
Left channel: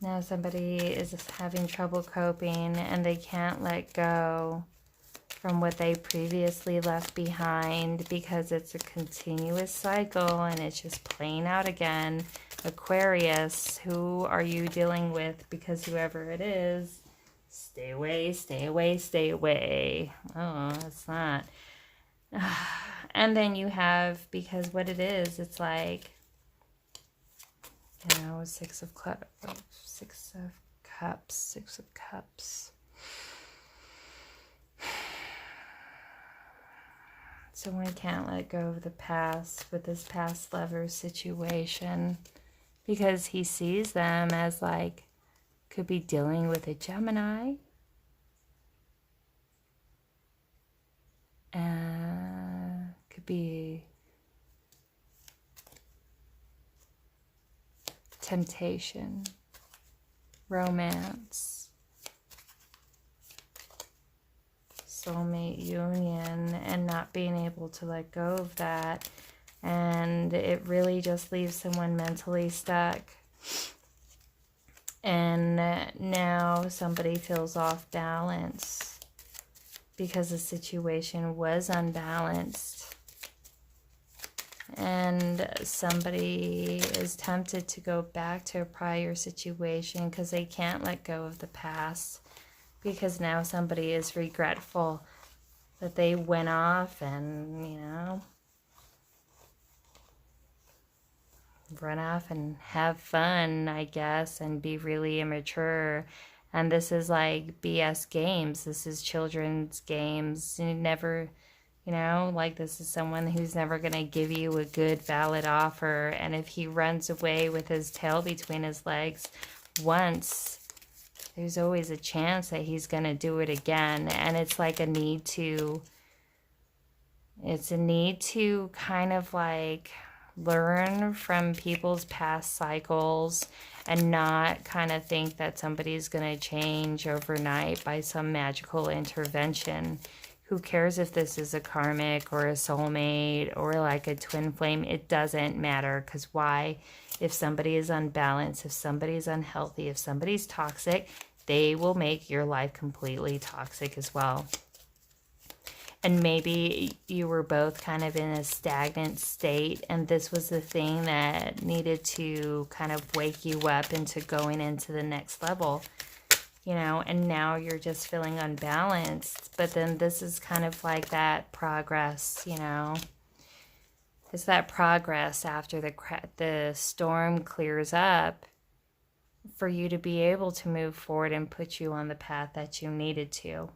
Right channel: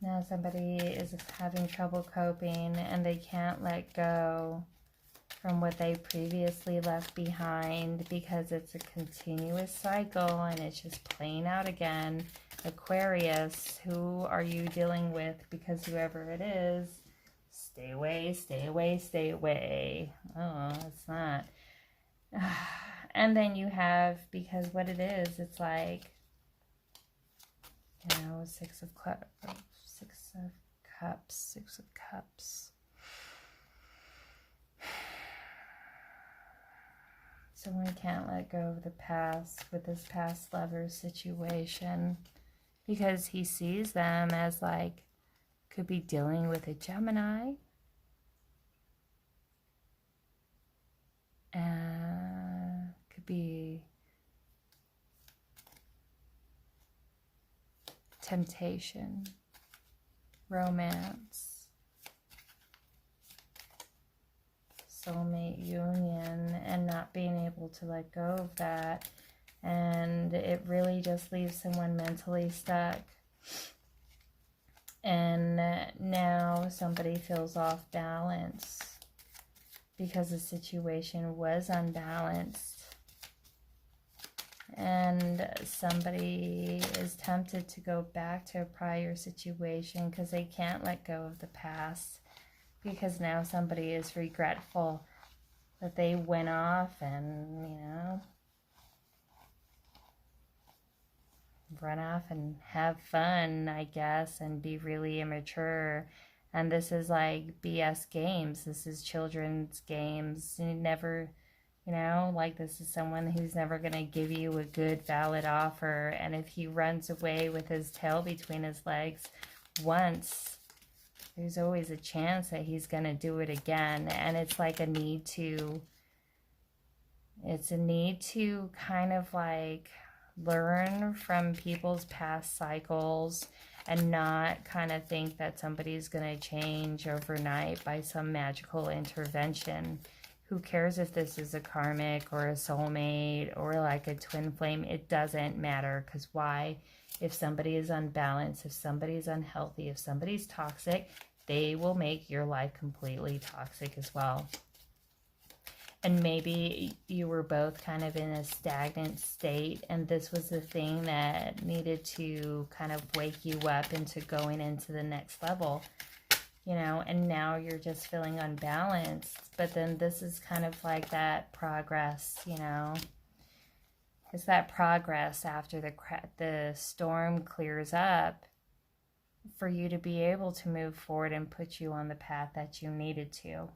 Now somebody is having trouble coping and they can't let go from what they previously left behind because it's a continuous cycle and it's just playing out again. Aquarius, who are you dealing with? Because whoever it is, stay away, stay away, stay away. Oh, it's not. And then you have, because what it is, it's like, You know, Six of Cups. Six of Cups. Someone can't let go of the past with this past lover situation because he sees them as like, could be dealing with a Gemini. Could be temptation, romance, soulmate union, and not being able to let go of that. And it really just leaves someone mentally stuck. And now somebody feels off balance because the situation was unbalanced. And somebody is tempted to go back to a prior situation because they can't let go of the past. Because now somebody is regretful that they went off and, you know, run off and have fun, I guess, and be really immature. And this is like BS games. This is children's games. You never, you know, like this is someone who's never going to give you a good, valid offer. And if he runs away with his tail between his legs once, there's always a chance that he's going to do it again. And it's like a need to, it's a need to kind of like learn from people's past cycles and not kind of think that somebody's going to change overnight by some magical intervention. Who cares if this is a karmic or a soulmate or like a twin flame? It doesn't matter, because why? If somebody is unbalanced, if somebody's unhealthy, if somebody's toxic, they will make your life completely toxic as well. And maybe you were both kind of in a stagnant state, and this was the thing that needed to kind of wake you up into going into the next level, you know, and now you're just feeling unbalanced. But then this is kind of like that progress, you know. It's that progress after the storm clears up for you to be able to move forward and put you on the path that you needed to.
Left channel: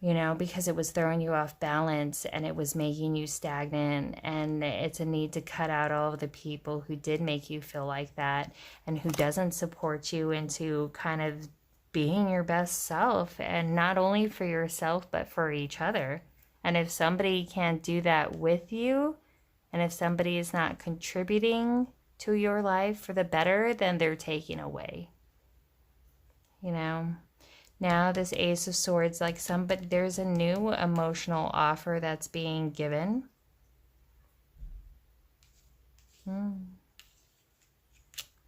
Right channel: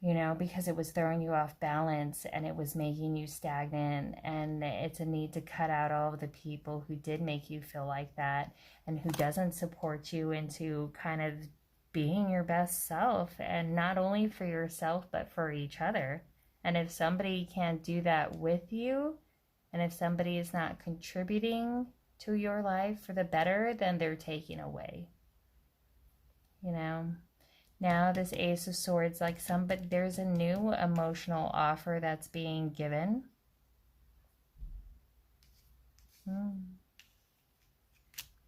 You know, because it was throwing you off balance and it was making you stagnant. And it's a need to cut out all of the people who did make you feel like that and who doesn't support you into kind of being your best self, and not only for yourself, but for each other. And if somebody can't do that with you, and if somebody is not contributing to your life for the better, then they're taking away, you know. Now this Ace of Swords, like there's a new emotional offer that's being given.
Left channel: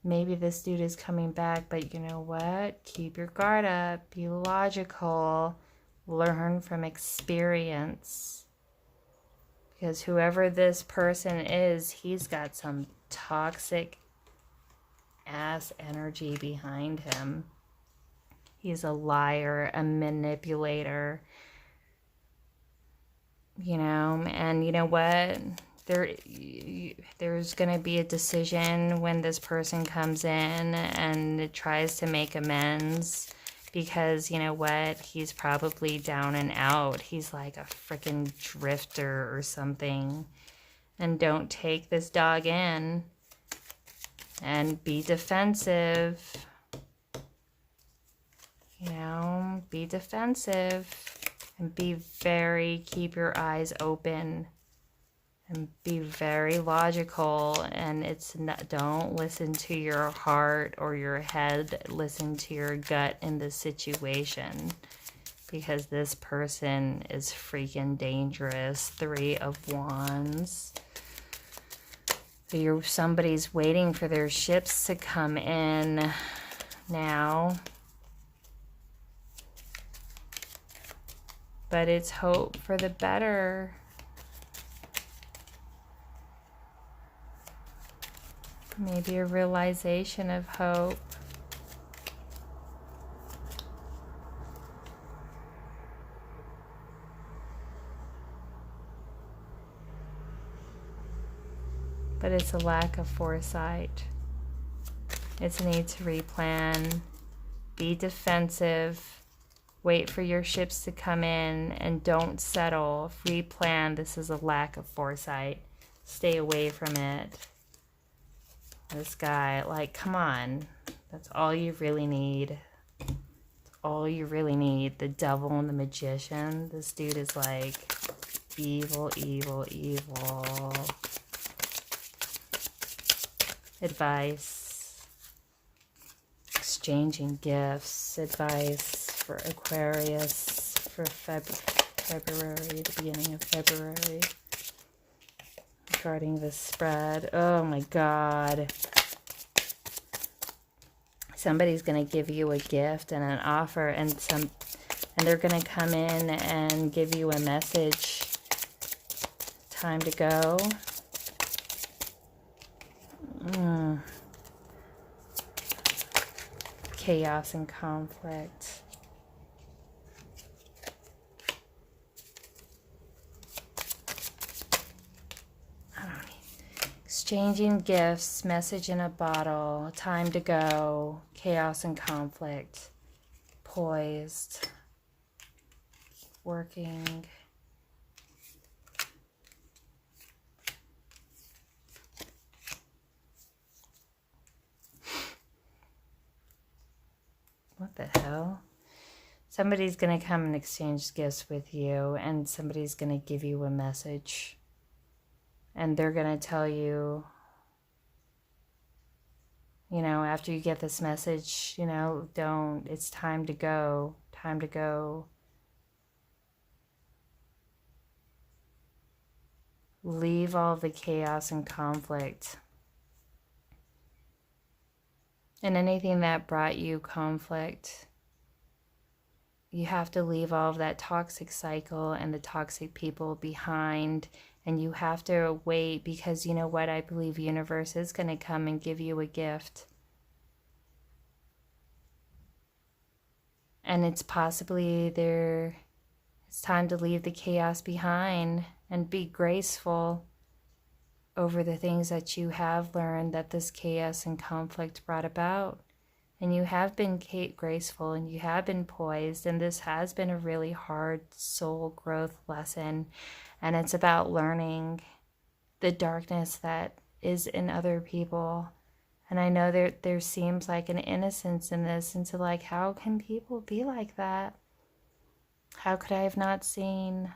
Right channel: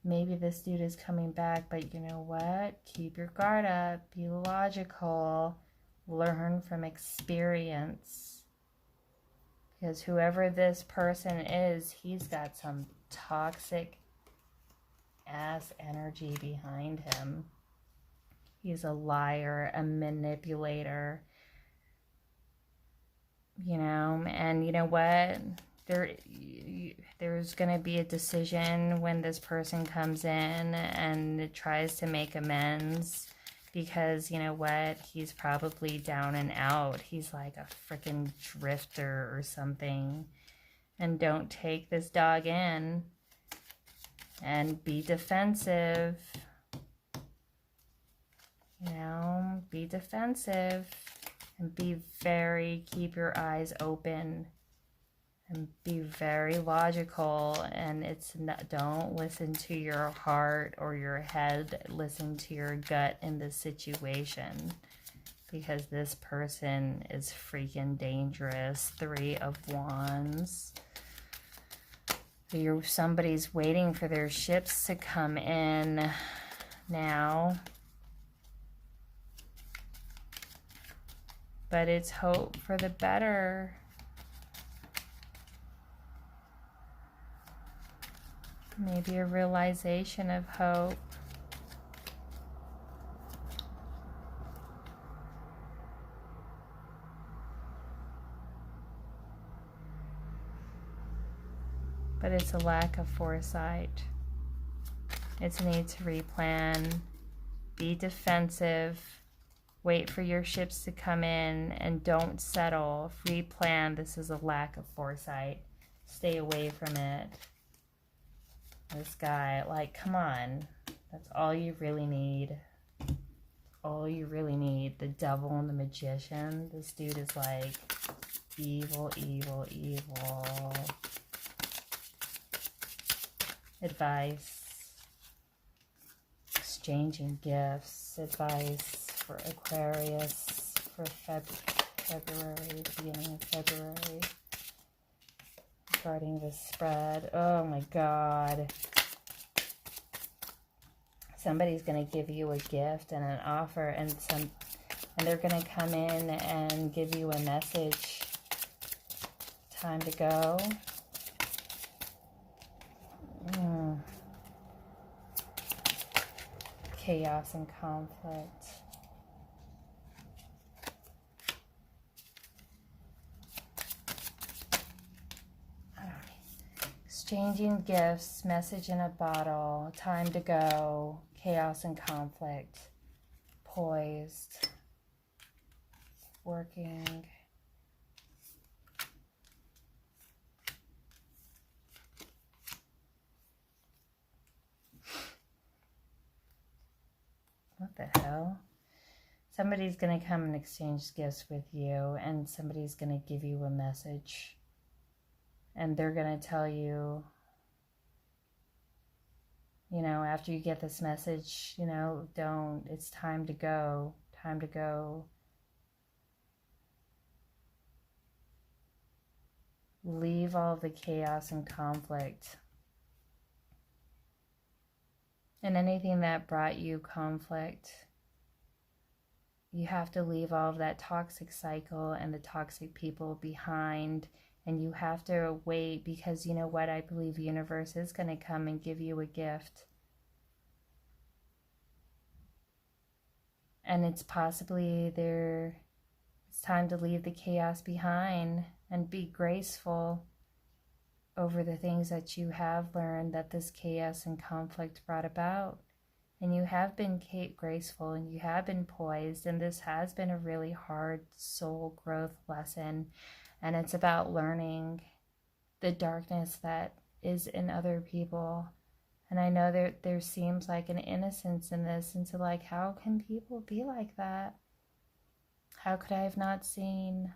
Maybe this dude is coming back, but you know what? Keep your guard up. Be logical. Learn from experience. Because whoever this person is, he's got some toxic ass energy behind him. He's a liar, a manipulator, you know. And you know what? There's going to be a decision when this person comes in and tries to make amends, because you know what? He's probably down and out. He's like a freaking drifter or something. And don't take this dog in and be defensive. You know, be defensive and keep your eyes open and be very logical. And don't listen to your heart or your head, listen to your gut in this situation, because this person is freaking dangerous. 3 of Wands. Somebody's waiting for their ships to come in now. But it's hope for the better. Maybe a realization of hope. But it's a lack of foresight. It's a need to replan, be defensive, wait for your ships to come in, and don't settle. Replan. This is a lack of foresight. Stay away from it. This guy, like, come on. That's all you really need. All you really need. The devil and the magician. This dude is like evil, evil, evil. Advice. Exchanging gifts. Advice for Aquarius for February, the beginning of February. Regarding this spread. Oh my God. Somebody's going to give you a gift and an offer, and they're going to come in and give you a message. Time to go. Chaos and conflict. Exchanging gifts, message in a bottle, time to go, chaos and conflict, poised, working. What the hell? Somebody's going to come and exchange gifts with you, and somebody's going to give you a message. And they're going to tell you, you know, after you get this message, you know, it's time to go, time to go. Leave all the chaos and conflict. And anything that brought you conflict, you have to leave all of that toxic cycle and the toxic people behind. And you have to wait, because you know what? I believe universe is going to come and give you a gift. And it's possibly it's time to leave the chaos behind and be graceful over the things that you have learned that this chaos and conflict brought about. And you have been graceful, and you have been poised, and this has been a really hard soul growth lesson. And it's about learning the darkness that is in other people. And I know there seems like an innocence in this, into like, how can people be like that? How could I have not seen?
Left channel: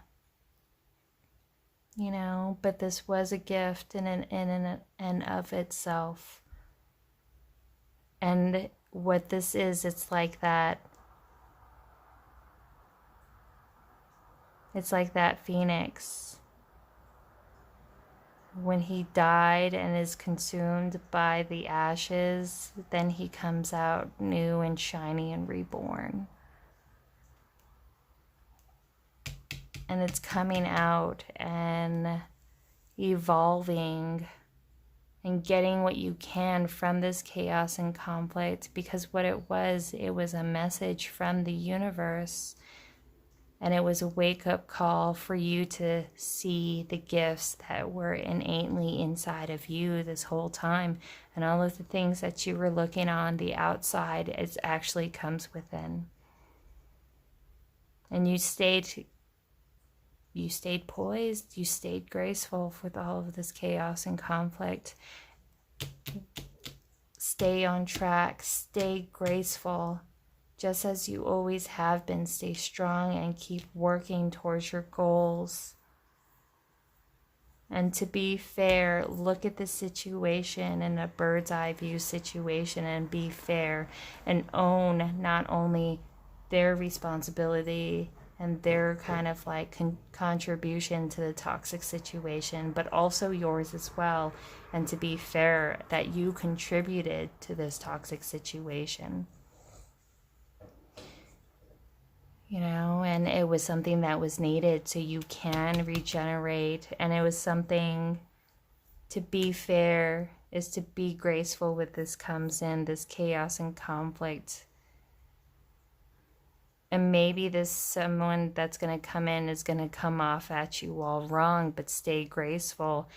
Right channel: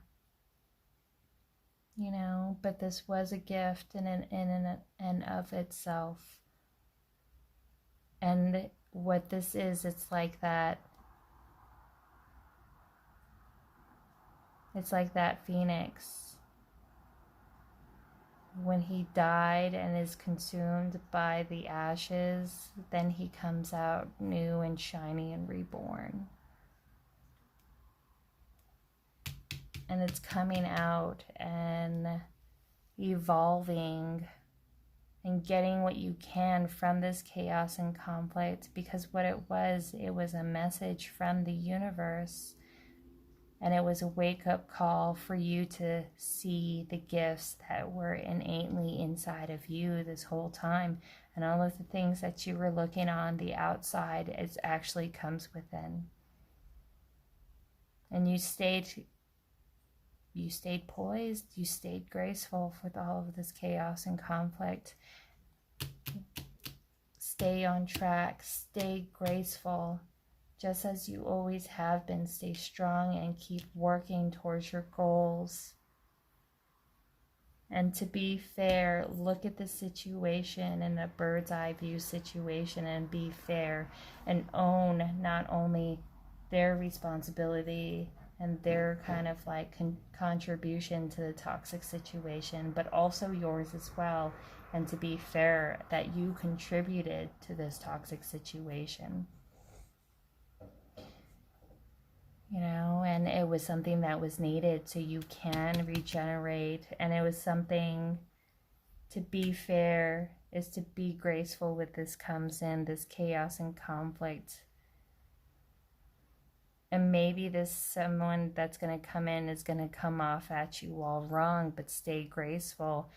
You know, but this was a gift in and of itself. And what this is, it's like that. It's like that phoenix. When he died and is consumed by the ashes, then he comes out new and shiny and reborn. And it's coming out and evolving and getting what you can from this chaos and conflict, because what it was a message from the universe. And it was a wake-up call for you to see the gifts that were innately inside of you this whole time. And all of the things that you were looking on the outside, it actually comes within. And you stayed poised, you stayed graceful with all of this chaos and conflict. Stay on track, stay graceful. Just as you always have been, stay strong and keep working towards your goals. And to be fair, look at the situation in a bird's eye view situation and be fair and own not only their responsibility and their kind of like contribution to the toxic situation, but also yours as well. And to be fair that you contributed to this toxic situation. You know, and it was something that was needed so you can regenerate. And it was something, to be fair, is to be graceful with this comes in, this chaos and conflict. And maybe this someone that's going to come in is going to come off at you all wrong, but stay graceful.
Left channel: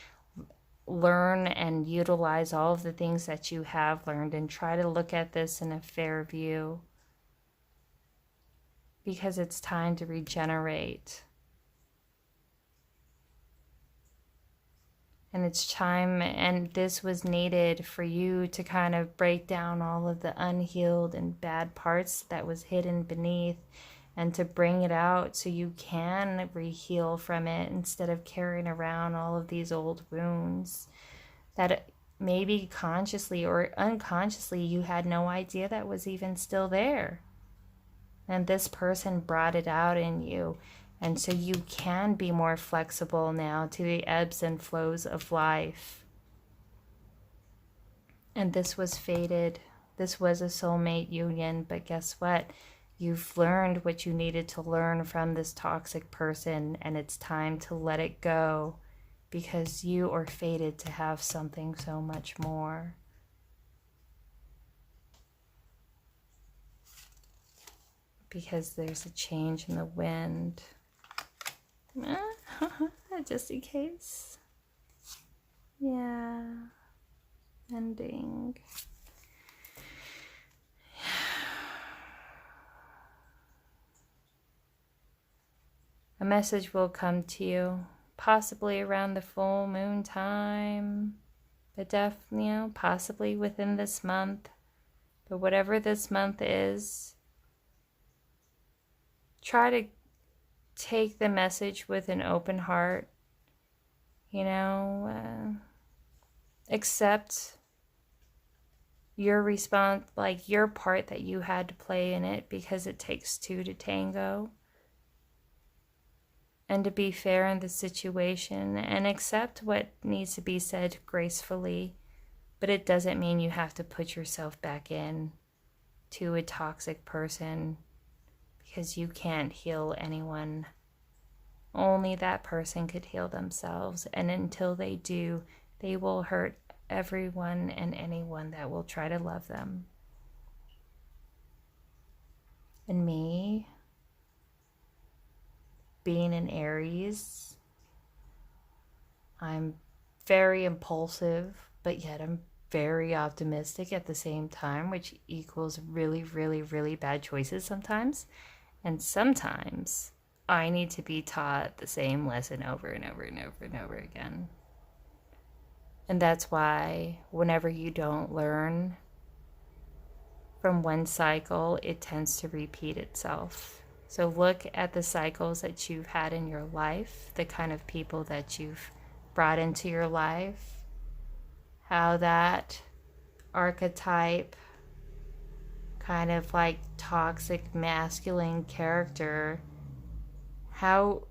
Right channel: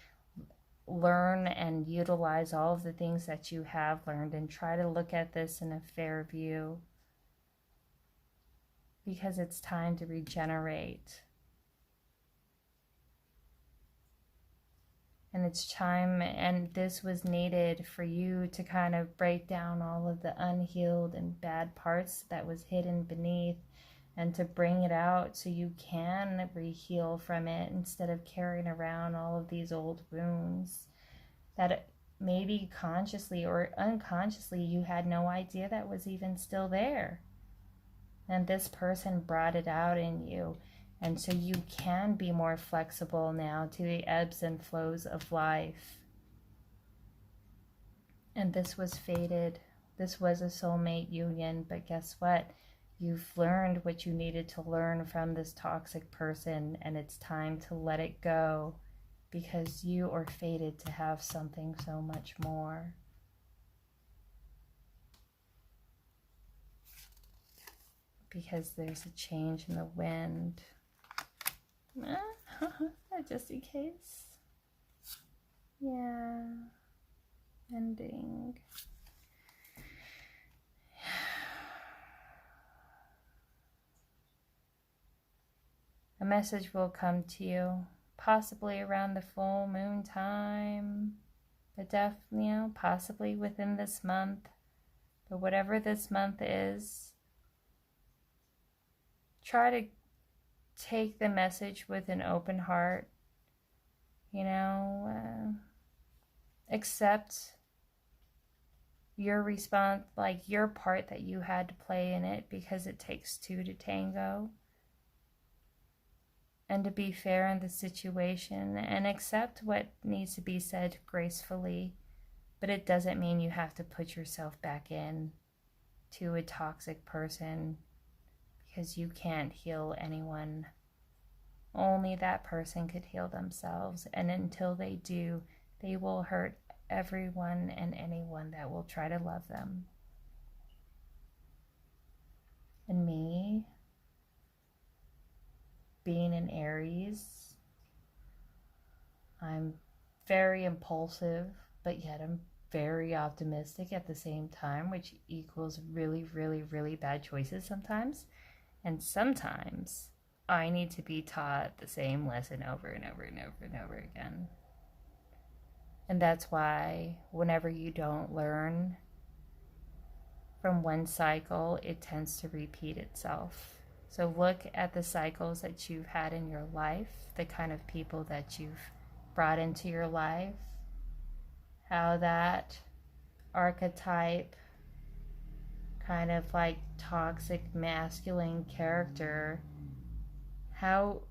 learn and utilize all of the things that you have learned and try to look at this in a fair view, because it's time to regenerate. And it's time, and this was needed for you to kind of break down all of the unhealed and bad parts that was hidden beneath, and to bring it out so you can re-heal from it instead of carrying around all of these old wounds that maybe consciously or unconsciously you had no idea that was even still there. And this person brought it out in you. And so you can be more flexible now to the ebbs and flows of life. And this was fated. This was a soulmate union. But guess what? You've learned what you needed to learn from this toxic person. And it's time to let it go, because you are fated to have something so much more. Because there's a change in the wind. Just in case. Yeah. Ending. A message will come to you, possibly around the full moon time, but definitely, possibly within this month. But whatever this month is, try to take the message with an open heart, accept your response, like your part that you had to play in it, because it takes two to tango. And to be fair in the situation and accept what needs to be said gracefully, but it doesn't mean you have to put yourself back in to a toxic person, because you can't heal anyone. Only that person could heal themselves, and until they do, they will hurt everyone and anyone that will try to love them. And me, being an Aries, I'm very impulsive, but yet I'm very optimistic at the same time, which equals really, really, really bad choices sometimes. And sometimes I need to be taught the same lesson over and over and over and over again. And that's why whenever you don't learn from one cycle, it tends to repeat itself. So look at the cycles that you've had in your life, the kind of people that you've brought into your life, how that archetype, kind of like toxic masculine character, how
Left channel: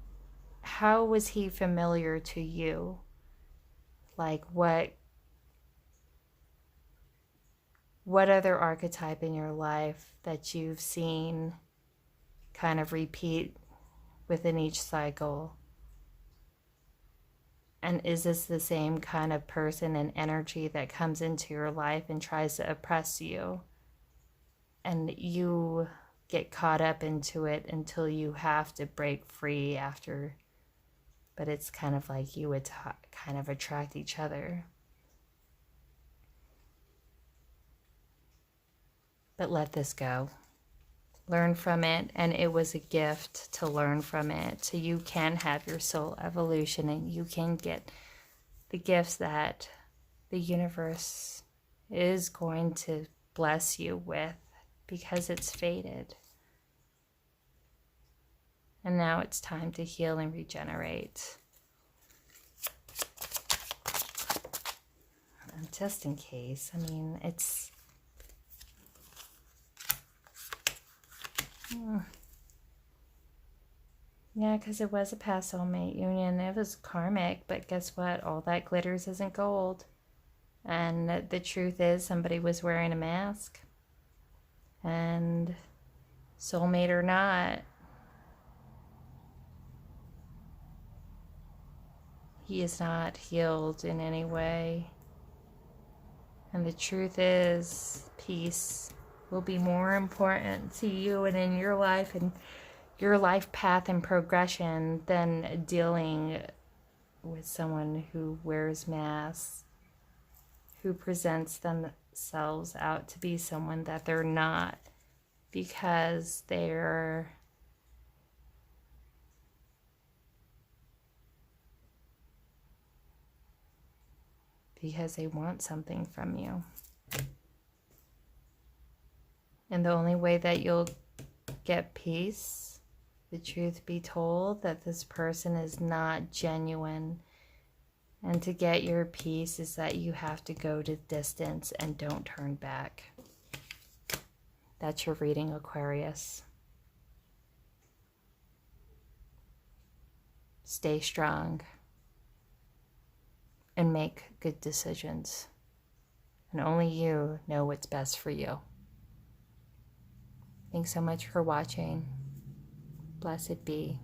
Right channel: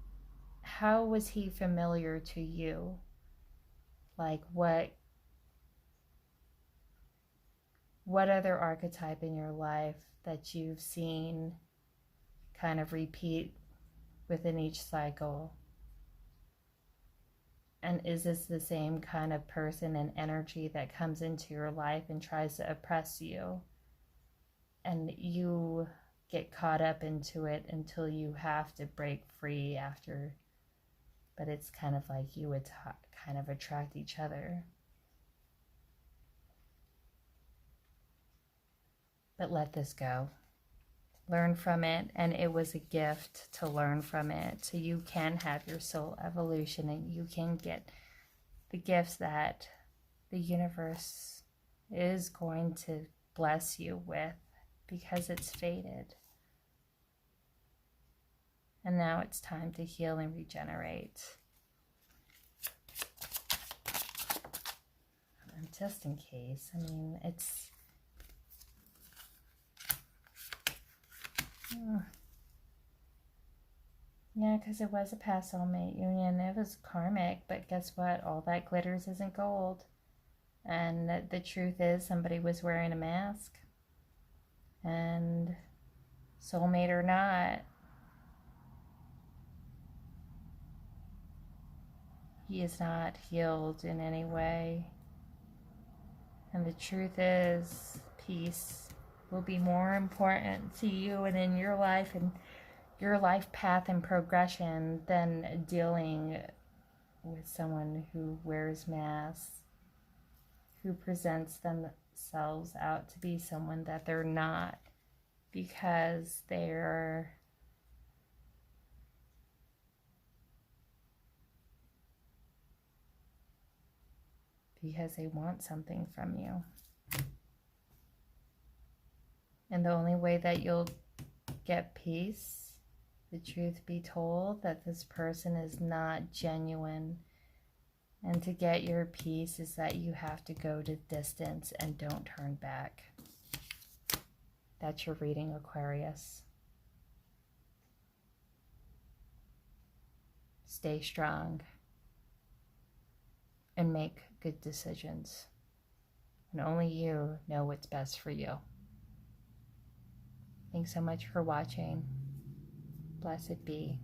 was he familiar to you? Like what other archetype in your life that you've seen kind of repeat within each cycle? And is this the same kind of person and energy that comes into your life and tries to oppress you? And you get caught up into it until you have to break free after. But it's kind of like you would kind of attract each other. But let this go. Learn from it, and it was a gift to learn from it, so you can have your soul evolution and you can get the gifts that the universe is going to bless you with, because it's fated. And now it's time to heal and regenerate. And just in case, it's yeah, because it was a past soulmate union. It was karmic, but guess what? All that glitters isn't gold. And the truth is, somebody was wearing a mask. And soulmate or not, he is not healed in any way. And the truth is, peace will be more important to you and in your life and your life path and progression than dealing with someone who wears masks, who presents themselves out to be someone that they're not, because they want something from you. And the only way that you'll get peace, the truth be told, that this person is not genuine. And to get your peace is that you have to go to distance and don't turn back. That's your reading, Aquarius. Stay strong and make good decisions. And only you know what's best for you. Thanks so much for watching. Blessed be.